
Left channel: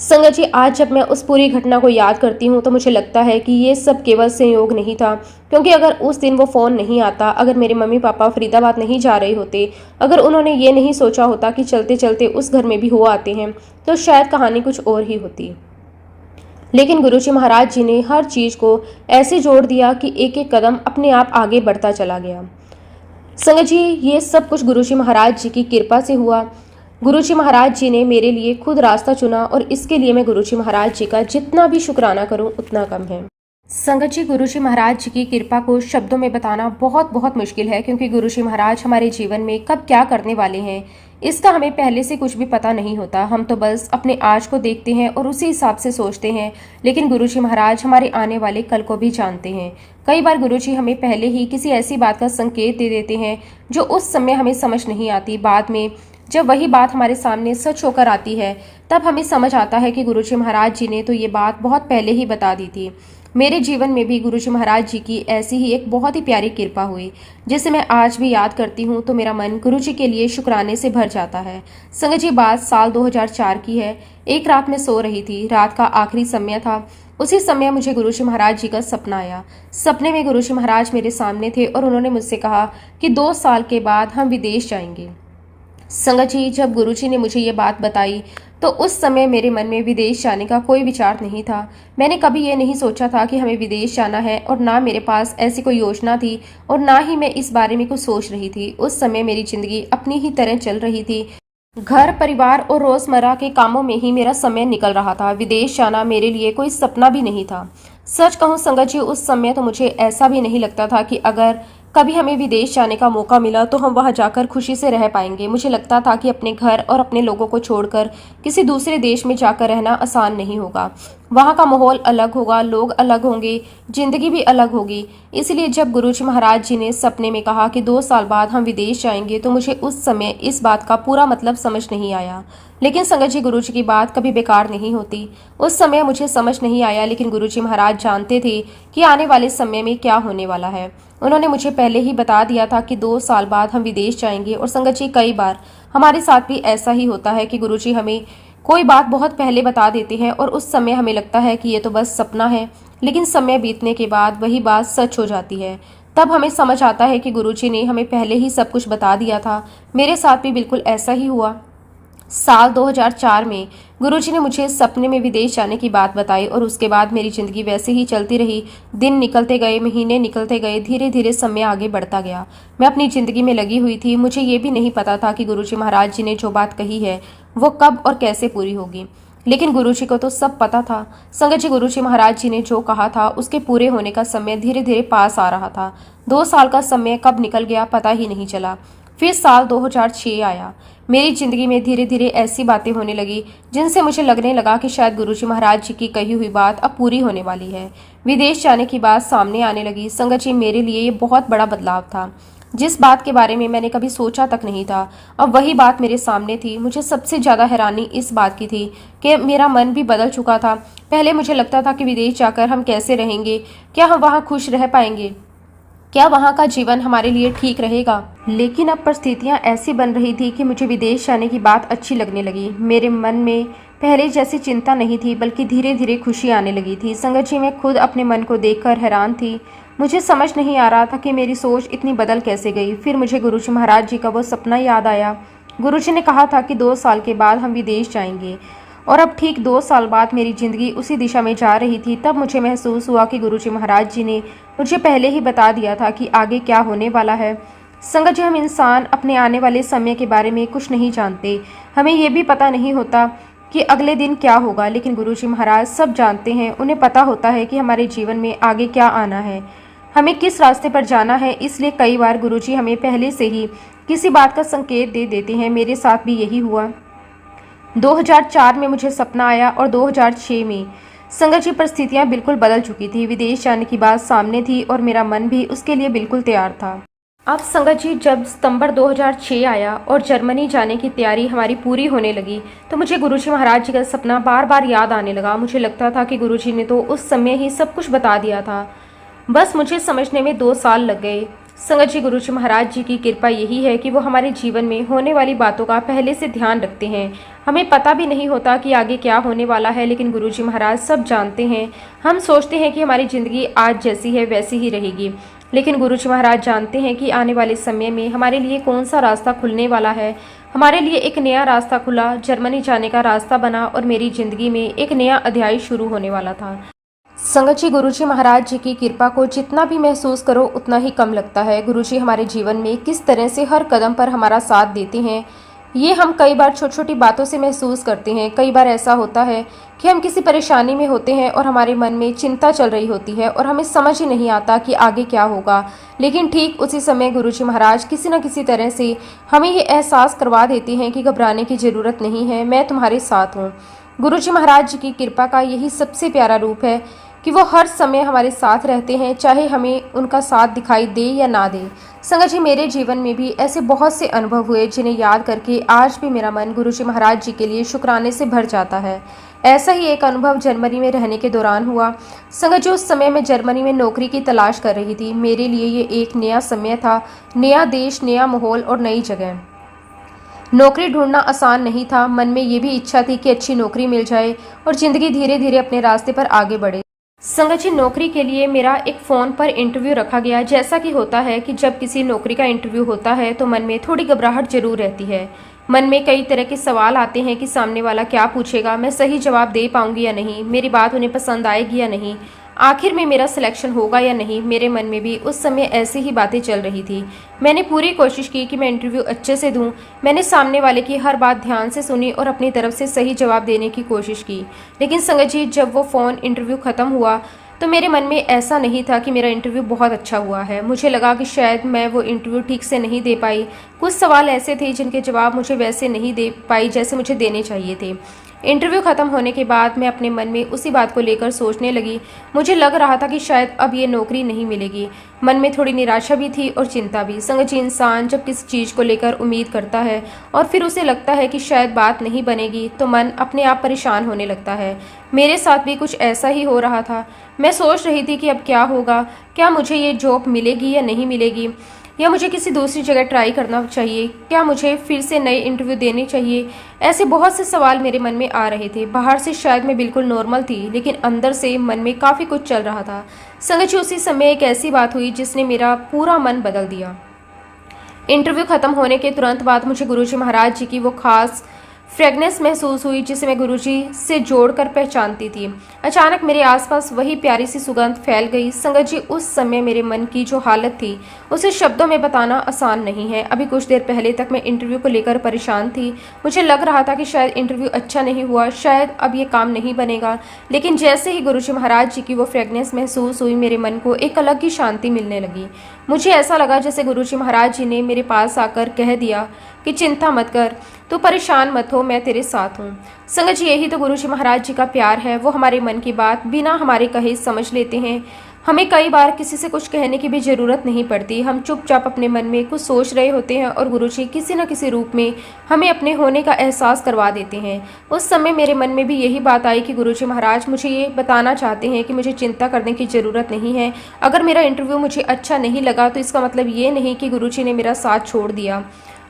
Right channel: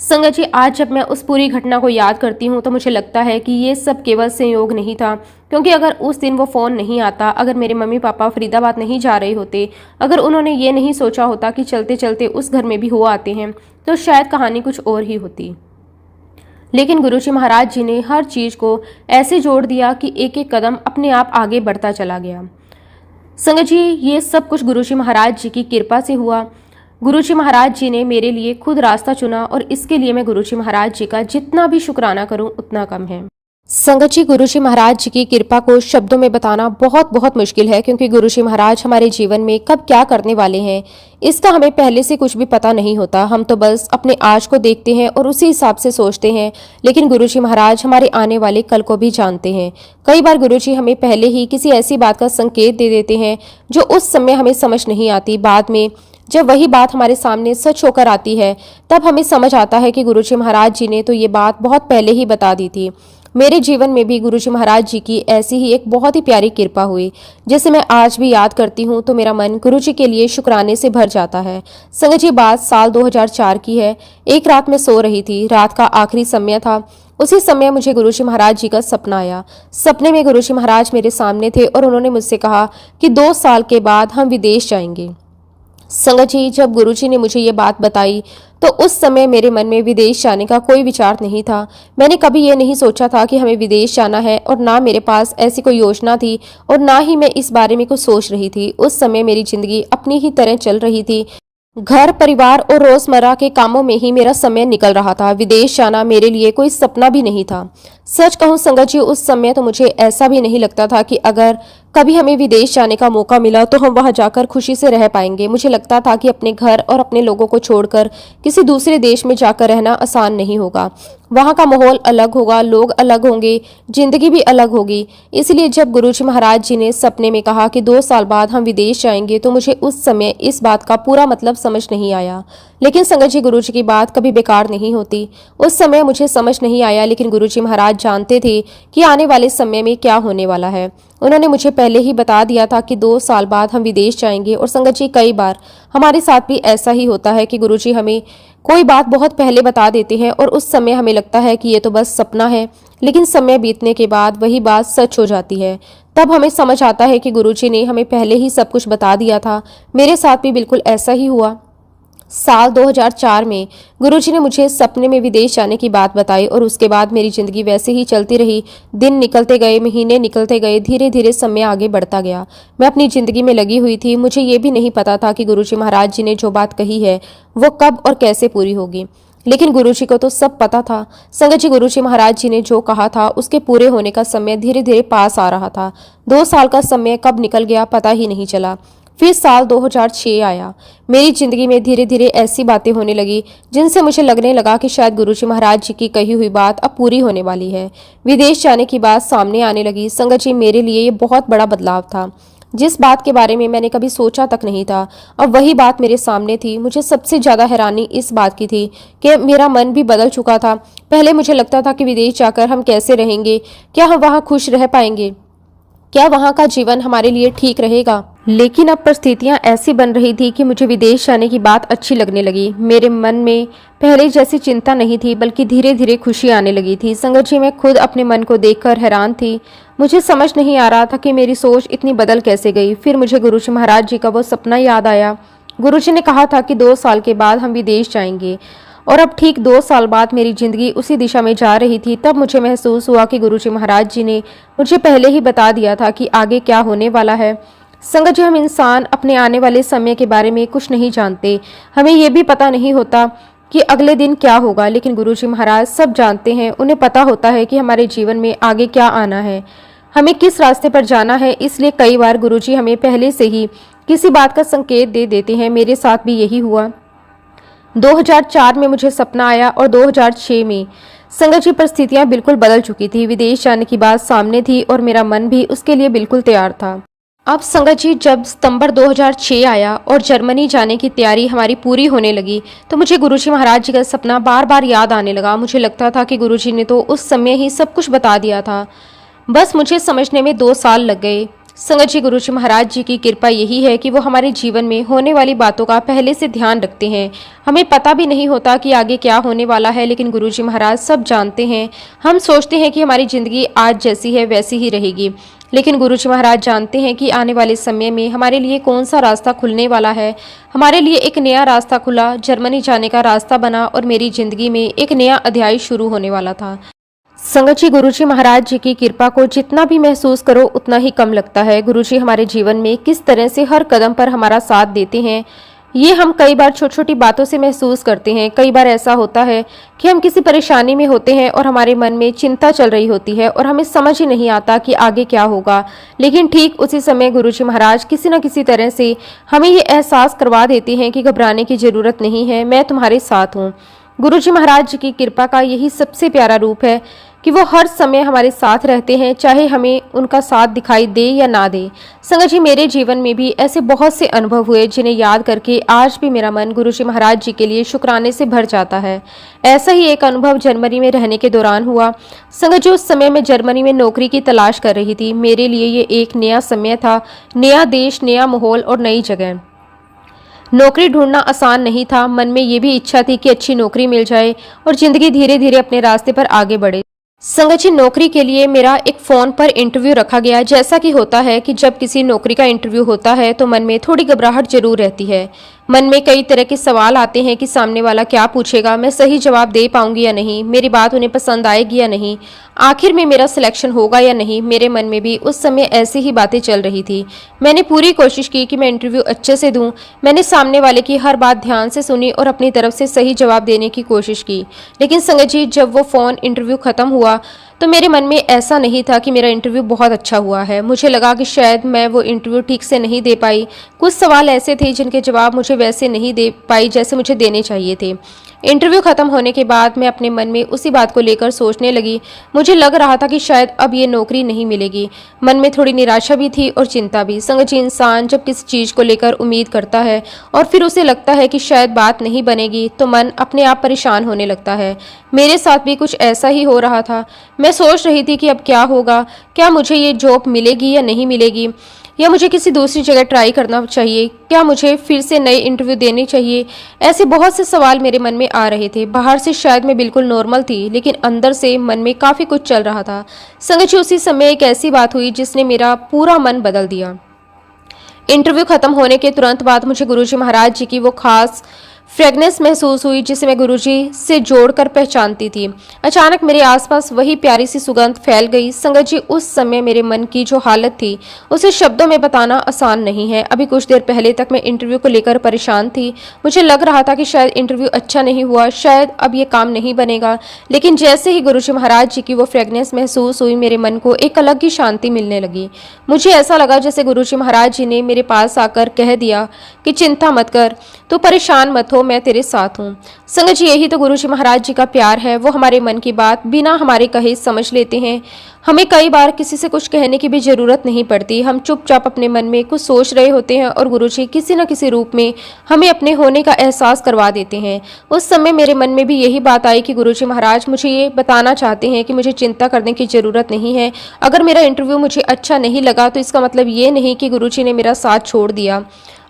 संगत जी, आज जब मैं उस पूरी घटना को याद करती हूँ तो मुझे लगता है कि ये सब केवल संयोग नहीं था, क्योंकि अगर उस दिन वो फ़ोन नहीं आता, अगर मेरे मम्मी पापा फरीदाबाद नहीं जा रहे होते, अगर उन्होंने ये नहीं सोचा होता कि चलते चलते उस घर में भी हो आते हैं, तो शायद कहानी कुछ और ही होती। लेकिन गुरुजी महाराज जी ने हर चीज़ को ऐसे जोड़ दिया कि एक एक कदम अपने आप आगे बढ़ता चला गया। संगत जी, ये सब कुछ गुरुजी महाराज जी की कृपा से हुआ। गुरुजी महाराज जी ने मेरे लिए खुद रास्ता चुना और इसके लिए मैं गुरुजी महाराज जी का जितना भी शुक्राना करूं उतना कम है। संगत जी, गुरुजी महाराज जी की कृपा को शब्दों में बताना बहुत बहुत मुश्किल है, क्योंकि गुरुजी महाराज हमारे जीवन में कब क्या करने वाले हैं इसका हमें पहले से कुछ भी पता नहीं होता। हम तो बस अपने आज को देखते हैं और उसी हिसाब से सोचते हैं, लेकिन गुरुजी महाराज हमारे आने वाले कल को भी जानते हैं। कई बार गुरुजी हमें पहले ही किसी ऐसी बात का संकेत दे देते हैं जो उस समय हमें समझ नहीं आती। बाद में जब वही बात हमारे सामने सच होकर आती है, तब हमें समझ आता है कि गुरुजी महाराज जी ने तो ये बात बहुत पहले ही बता दी थी। मेरे जीवन में भी गुरुजी महाराज जी की ऐसी ही एक बहुत ही प्यारी कृपा हुई, जिसे मैं आज भी याद करती हूँ तो मेरा मन गुरुजी के लिए शुक्राने से भर जाता है। संगत जी, बात साल 2004 की है। एक रात मैं सो रही थी, रात का आखिरी समय था। उसी समय मुझे गुरुजी महाराज जी का सपना आया। सपने में गुरुजी महाराज मेरे सामने थे और उन्होंने मुझसे कहा कि 2 साल के बाद हम विदेश जाएंगे। संगत जी, जब गुरुजी ने मुझे ये बात बताई तो उस समय मेरे मन में विदेश जाने का कोई विचार नहीं था। मैंने कभी ये नहीं सोचा था कि हमें विदेश जाना है, और ना मेरे पास ऐसी कोई योजना थी और ना ही मैं इस बारे में कुछ सोच रही थी। उस समय मेरी जिंदगी अपनी ही तरह चल रही थी। घर परिवार और रोजमर्रा के कामों में ही मेरा समय निकल रहा था। विदेश जाना मेरे लिए कोई सपना भी नहीं था। सच कहूं संगत जी, उस समय तो मुझे ऐसा भी नहीं लगता था कि अगर कभी हमें विदेश जाने का मौका मिला तो हम वहां जाकर खुशी से रह पाएंगे। मुझे लगता था कि अपने घर और अपने लोगों को छोड़कर किसी दूसरे देश में जाकर रहना आसान नहीं होगा। वहां का माहौल अलग होगा, लोग अलग होंगे, जिंदगी भी अलग होगी। इसलिए जब गुरुजी महाराज जी ने सपने में कहा कि 2 साल बाद हम विदेश जाएंगे, तो मुझे उस समय इस बात का पूरा मतलब समझ नहीं आया। लेकिन संगत जी, गुरुजी की बात कभी बेकार नहीं होती। उस समय मुझे समझ नहीं आया, लेकिन गुरुजी महाराज जानते थे कि आने वाले समय में क्या होने वाला है। उन्होंने मुझे पहले ही बता दिया था कि 2 साल बाद हम विदेश जाएंगे। और संगत जी, कई बार हमारे साथ भी ऐसा ही होता है कि गुरुजी हमें कोई बात बहुत पहले बता देते हैं और उस समय हमें लगता है कि ये तो बस सपना है, लेकिन समय बीतने के बाद वही बात सच हो जाती है। तब हमें समझ आता है कि गुरुजी ने हमें पहले ही सब कुछ बता दिया था। मेरे साथ भी बिल्कुल ऐसा ही हुआ। साल 2004 में गुरुजी ने मुझे सपने में विदेश जाने की बात बताई और उसके बाद मेरी जिंदगी वैसे ही चलती रही। दिन निकलते गए, महीने निकलते गए, धीरे धीरे समय आगे बढ़ता गया। मैं अपनी जिंदगी में लगी हुई थी। मुझे ये भी नहीं पता था कि गुरुजी महाराज जी ने जो बात कही है वो कब और कैसे पूरी होगी, लेकिन गुरुजी को तो सब पता था। संगत जी, गुरुजी महाराज जी ने जो कहा था उसके पूरे होने का समय धीरे धीरे पास आ रहा था। 2 साल का समय कब निकल गया पता ही नहीं चला। फिर साल 2006 आया। मेरी जिंदगी में धीरे धीरे ऐसी बातें होने लगी जिनसे मुझे लगने लगा कि शायद गुरुजी महाराज जी की कही हुई बात अब पूरी होने वाली है। विदेश जाने की बात सामने आने लगी। संगत जी, मेरे लिए ये बहुत बड़ा बदलाव था। जिस बात के बारे में मैंने कभी सोचा तक नहीं था, अब वही बात मेरे सामने थी। मुझे सबसे ज्यादा हैरानी इस बात की थी कि मेरा मन भी बदल चुका था। पहले मुझे लगता था कि विदेश जाकर हम कैसे रहेंगे, क्या हम वहाँ खुश रह पाएंगे, क्या वहाँ का जीवन हमारे लिए ठीक रहेगा। लेकिन अब परिस्थितियाँ ऐसी बन रही थी कि मुझे विदेश जाने की बात अच्छी लगने लगी। मेरे मन में पहले जैसी चिंता नहीं थी, बल्कि धीरे धीरे खुशी आने लगी थी। संगत जी, मैं खुद अपने मन को देखकर हैरान थी। मुझे समझ नहीं आ रहा था कि मेरी सोच इतनी बदल कैसे गई। फिर मुझे गुरुजी महाराज जी का वो सपना याद आया। गुरुजी ने कहा था कि 2 साल के बाद हम विदेश जाएंगे, और अब ठीक 2 साल बाद मेरी जिंदगी उसी दिशा में जा रही थी। तब मुझे महसूस हुआ कि गुरुजी महाराज जी ने मुझे पहले ही बता दिया था कि आगे क्या होने वाला है। संगत जी, हम इंसान अपने आने वाले समय के बारे में कुछ नहीं जानते। हमें ये भी पता नहीं होता कि अगले दिन क्या होगा, लेकिन गुरुजी महाराज सब जानते हैं। उन्हें पता होता है कि हमारे जीवन में आगे क्या आना है, हमें किस रास्ते पर जाना है। इसलिए कई बार गुरुजी हमें पहले से ही किसी बात का संकेत दे देते हैं। मेरे साथ भी यही हुआ। 2004 में मुझे सपना आया और 2006 में संगत जी परिस्थितियां बिल्कुल बदल चुकी थी। विदेश जाने की बात सामने थी और मेरा मन भी उसके लिए बिल्कुल तैयार था। अब संगत जी, जब सितंबर 2006 आया और जर्मनी जाने की तैयारी हमारी पूरी होने लगी, तो मुझे गुरुजी महाराज जी का सपना बार बार याद आने लगा। मुझे लगता था कि गुरुजी ने तो उस समय ही सब कुछ बता दिया था, बस मुझे समझने में 2 साल लग गए। संगत जी, गुरुजी महाराज जी की कृपा यही है कि वो हमारे जीवन में होने वाली बातों का पहले से ध्यान रखते हैं। हमें पता भी नहीं होता कि आगे क्या होने वाला है, लेकिन गुरुजी महाराज सब जानते हैं। हम सोचते हैं कि हमारी ज़िंदगी आज जैसी है वैसी ही रहेगी, लेकिन गुरुजी महाराज जानते हैं कि आने वाले समय में हमारे लिए कौन सा रास्ता खुलने वाला है। हमारे लिए एक नया रास्ता खुला, जर्मनी जाने का रास्ता बना और मेरी ज़िंदगी में एक नया अध्याय शुरू होने वाला था। संगत जी, गुरुजी महाराज जी की कृपा को जितना भी महसूस करो उतना ही कम लगता है। गुरुजी हमारे जीवन में किस तरह से हर कदम पर हमारा साथ देते हैं, ये हम कई बार छोटी छोटी बातों से महसूस करते हैं। कई बार ऐसा होता है कि हम किसी परेशानी में होते हैं और हमारे मन में चिंता चल रही होती है और हमें समझ ही नहीं आता कि आगे क्या होगा, लेकिन ठीक उसी समय गुरुजी महाराज किसी न किसी तरह से हमें ये एहसास करवा देते हैं कि घबराने की जरूरत नहीं है, मैं तुम्हारे साथ हूँ। गुरुजी महाराज जी की कृपा का यही सबसे प्यारा रूप है कि वो हर समय हमारे साथ रहते हैं, चाहे हमें उनका साथ दिखाई दे या ना दे। संगत जी, मेरे जीवन में भी ऐसे बहुत से अनुभव हुए जिन्हें याद करके आज भी मेरा मन गुरुजी महाराज जी के लिए शुक्राने से भर जाता है। ऐसा ही एक अनुभव जर्मनी में रहने के दौरान हुआ। संगत जी, उस समय मैं जर्मनी में नौकरी की तलाश कर रही थी। मेरे लिए ये एक नया समय था, नया देश, नया माहौल और नई जगह। नौकरी ढूंढना आसान नहीं था। मन में ये भी इच्छा थी कि अच्छी नौकरी मिल जाए और जिंदगी धीरे धीरे अपने रास्ते पर आगे बढ़े। संगत जी, नौकरी के लिए मेरा एक फ़ोन पर इंटरव्यू रखा गया। जैसा कि होता है कि जब किसी नौकरी का इंटरव्यू होता है तो मन में थोड़ी घबराहट जरूर रहती है। मन में कई तरह के सवाल आते हैं कि सामने वाला क्या पूछेगा, मैं सही जवाब दे पाऊंगी या नहीं, मेरी बात उन्हें पसंद आएगी या नहीं, आखिर में मेरा सिलेक्शन होगा या नहीं। मेरे मन में भी उस समय ऐसी ही बातें चल रही थी। मैंने पूरी कोशिश की कि मैं इंटरव्यू अच्छे से दूं। मैंने सामने वाले की हर बात ध्यान से सुनी और अपनी तरफ से सही जवाब देने की कोशिश की। लेकिन संगत जी, जब वो फ़ोन इंटरव्यू ख़त्म हुआ तो मेरे मन में ऐसा नहीं था कि मेरा इंटरव्यू बहुत अच्छा हुआ है। मुझे लगा कि शायद मैं वो इंटरव्यू ठीक से नहीं दे पाई। कुछ सवाल ऐसे थे जिनके जवाब मुझे वैसे नहीं दे पाई जैसे मुझे देने चाहिए थे। इंटरव्यू खत्म होने के बाद मैं अपने मन में उसी बात को लेकर सोचने लगी। मुझे लग रहा था कि शायद अब ये नौकरी नहीं मिलेगी। मन में थोड़ी निराशा भी थी और चिंता भी। संगत जी, इंसान जब किसी चीज़ को लेकर उम्मीद करता है और फिर उसे लगता है कि शायद बात नहीं बनेगी तो मन अपने आप परेशान होने लगता है। मेरे साथ भी कुछ ऐसा ही हो रहा था। मैं सोच रही थी कि अब क्या होगा, क्या मुझे ये जॉब मिलेगी या नहीं मिलेगी, या मुझे किसी दूसरी जगह ट्राई करना चाहिए, क्या मुझे फिर से नए इंटरव्यू देने चाहिए। ऐसे बहुत से सवाल मेरे मन में आ रहे थे। बाहर से शायद मैं बिल्कुल नॉर्मल थी, लेकिन अंदर से मन में काफ़ी कुछ चल रहा था। संगत जी, उसी समय एक ऐसी बात हुई जिसने मेरा पूरा मन बदल दिया। इंटरव्यू खत्म होने के तुरंत बाद मुझे गुरुजी महाराज जी की वो खास फ्रेगनेंस महसूस हुई जिसे मैं गुरुजी से जोड़कर पहचानती थी। अचानक मेरे आसपास वही प्यारी सी सुगंध फैल गई। संगत जी, उस समय मेरे मन की जो हालत थी उसे शब्दों में बताना आसान नहीं है। अभी कुछ देर पहले तक मैं इंटरव्यू को लेकर परेशान थी। मुझे लग रहा था कि शायद इंटरव्यू अच्छा नहीं हुआ, शायद अब ये काम नहीं बनेगा। लेकिन जैसे ही गुरुजी महाराज जी की वो फ्रेगनेंस महसूस हुई, मेरे मन को एक अलग ही शांति मिलने लगी। मुझे ऐसा लगा जैसे गुरुजी महाराज जी ने मेरे पास आकर कह दिया कि चिंता मत कर, तो परेशान मत हो, मैं तेरे साथ हूँ। संगत जी, यही तो गुरुजी महाराज जी का प्यार है। वो हमारे मन की बात बिना हमारे कहे समझ लेते हैं। हमें कई बार किसी से कुछ कहने की भी जरूरत नहीं पड़ती। हम चुपचाप अपने मन में कुछ सोच रहे होते हैं और गुरुजी किसी न किसी रूप में हमें अपने होने का एहसास करवा देते हैं। उस समय मेरे मन में भी यही बात आई कि गुरुजी महाराज मुझे ये बताना चाहते हैं कि मुझे चिंता करने की जरूरत नहीं है। अगर मेरा इंटरव्यू मुझे अच्छा नहीं लगा तो इसका मतलब ये नहीं कि गुरुजी ने मेरा साथ छोड़ दिया।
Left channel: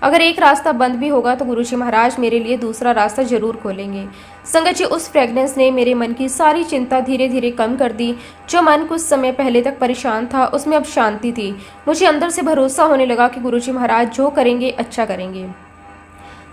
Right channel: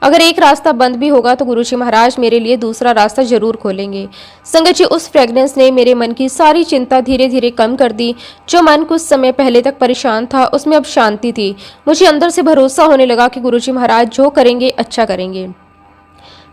अगर एक रास्ता बंद भी होगा तो गुरुजी महाराज मेरे लिए दूसरा रास्ता जरूर खोलेंगे। संगत जी, उस फ्रेगनेंस ने मेरे मन की सारी चिंता धीरे धीरे कम कर दी। जो मन कुछ समय पहले तक परेशान था उसमें अब शांति थी। मुझे अंदर से भरोसा होने लगा कि गुरुजी महाराज जो करेंगे अच्छा करेंगे।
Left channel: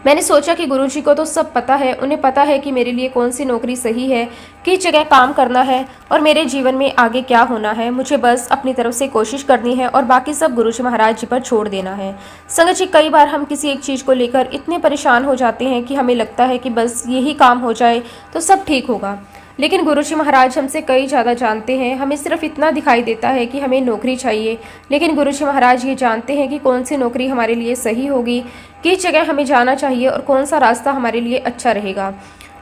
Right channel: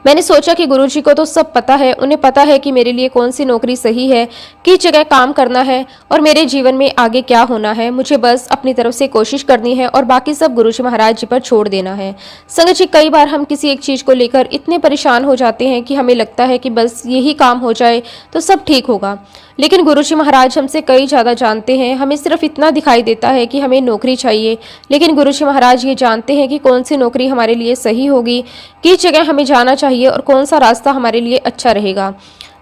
मैंने सोचा कि गुरुजी को तो सब पता है, उन्हें पता है कि मेरे लिए कौन सी नौकरी सही है, किस जगह काम करना है और मेरे जीवन में आगे क्या होना है। मुझे बस अपनी तरफ से कोशिश करनी है और बाकी सब गुरुजी महाराज जी पर छोड़ देना है। संगत जी, कई बार हम किसी एक चीज़ को लेकर इतने परेशान हो जाते हैं कि हमें लगता है कि बस यही काम हो जाए तो सब ठीक होगा, लेकिन गुरुजी महाराज हमसे कई ज़्यादा जानते हैं। हमें सिर्फ इतना दिखाई देता है कि हमें नौकरी चाहिए, लेकिन गुरुजी महाराज ये जानते हैं कि कौन सी नौकरी हमारे लिए सही होगी, किस जगह हमें जाना चाहिए और कौन सा रास्ता हमारे लिए अच्छा रहेगा।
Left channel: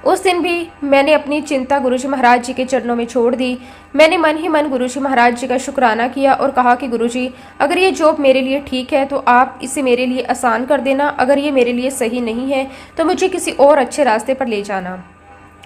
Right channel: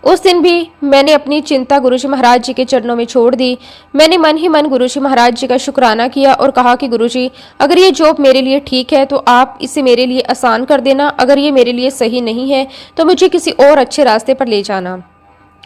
उस दिन भी मैंने अपनी चिंता गुरुजी महाराज जी के चरणों में छोड़ दी। मैंने मन ही मन गुरुजी महाराज जी का शुक्राना किया और कहा कि गुरुजी, अगर ये जॉब मेरे लिए ठीक है तो आप इसे मेरे लिए आसान कर देना, अगर ये मेरे लिए सही नहीं है तो मुझे किसी और अच्छे रास्ते पर ले जाना।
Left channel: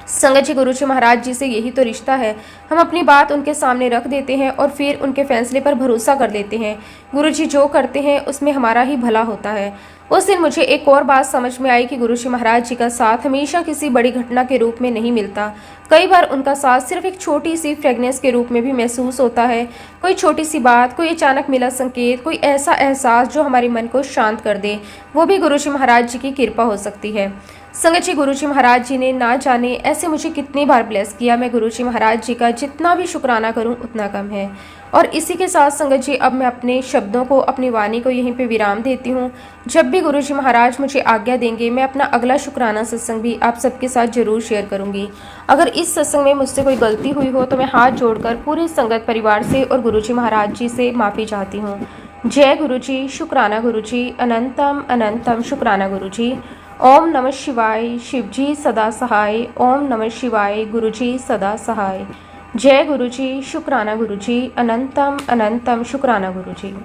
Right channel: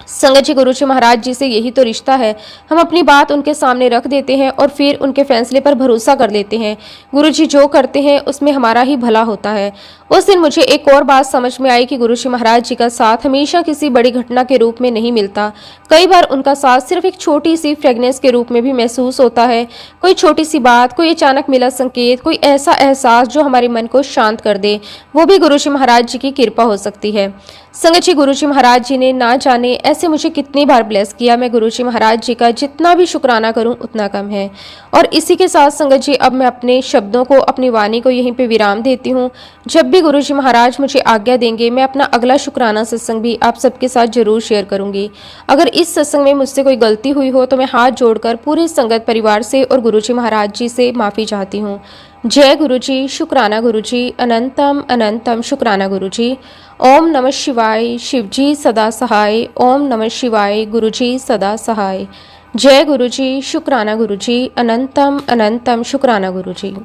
संगत जी, गुरुजी महाराज जी से यही तो रिश्ता है। हम अपनी बात उनके सामने रख देते हैं और फिर उनके फैसले पर भरोसा कर लेते हैं। गुरुजी जो करते हैं उसमें हमारा ही भला होता है। उस दिन मुझे एक और बात समझ में आई कि गुरुजी महाराज जी का साथ हमेशा किसी बड़ी घटना के रूप में नहीं मिलता। कई बार उनका साथ सिर्फ एक छोटी सी फ्रेगनेंस के रूप में भी महसूस होता है। कोई छोटी सी बात, कोई अचानक मिला संकेत, कोई ऐसा एहसास जो हमारे मन को शांत कर दे, वो भी गुरुजी महाराज जी की कृपा हो सकती है। संगत जी, गुरुजी महाराज जी ने ना जाने ऐसे मुझे कितनी बार ब्लेस किया। मैं गुरुजी महाराज जी का जितना भी शुक्राना करूं उतना कम है। और इसी के साथ संगत जी, अब मैं अपने शब्दों को, अपनी वाणी को यहीं पे विराम देती हूँ। जब भी गुरुजी महाराज मुझे आज्ञा देंगे, मैं अपना अगला शुक्राना सत्संग भी आप सबके साथ जरूर शेयर करूंगी। अगर इस सत्संग में मुझसे कोई गलती हुई हो तो मैं हाथ जोड़कर पूरे संगत परिवार से और गुरुजी महाराज जी से माफ़ी चाहती हूँ। जय गुरुजी, शुक्राना गुरुजी, अनंतम अनंतम शुक्राना गुरुजी। ओम नमः शिवाय, शिवजी सदा सहाय। ओम नमः शिवाय, गुरुजी सदा सहाय। जय गुरुजी, शुक्राना गुरुजी, अनंतम अनंतम शुक्राना गुरुजी।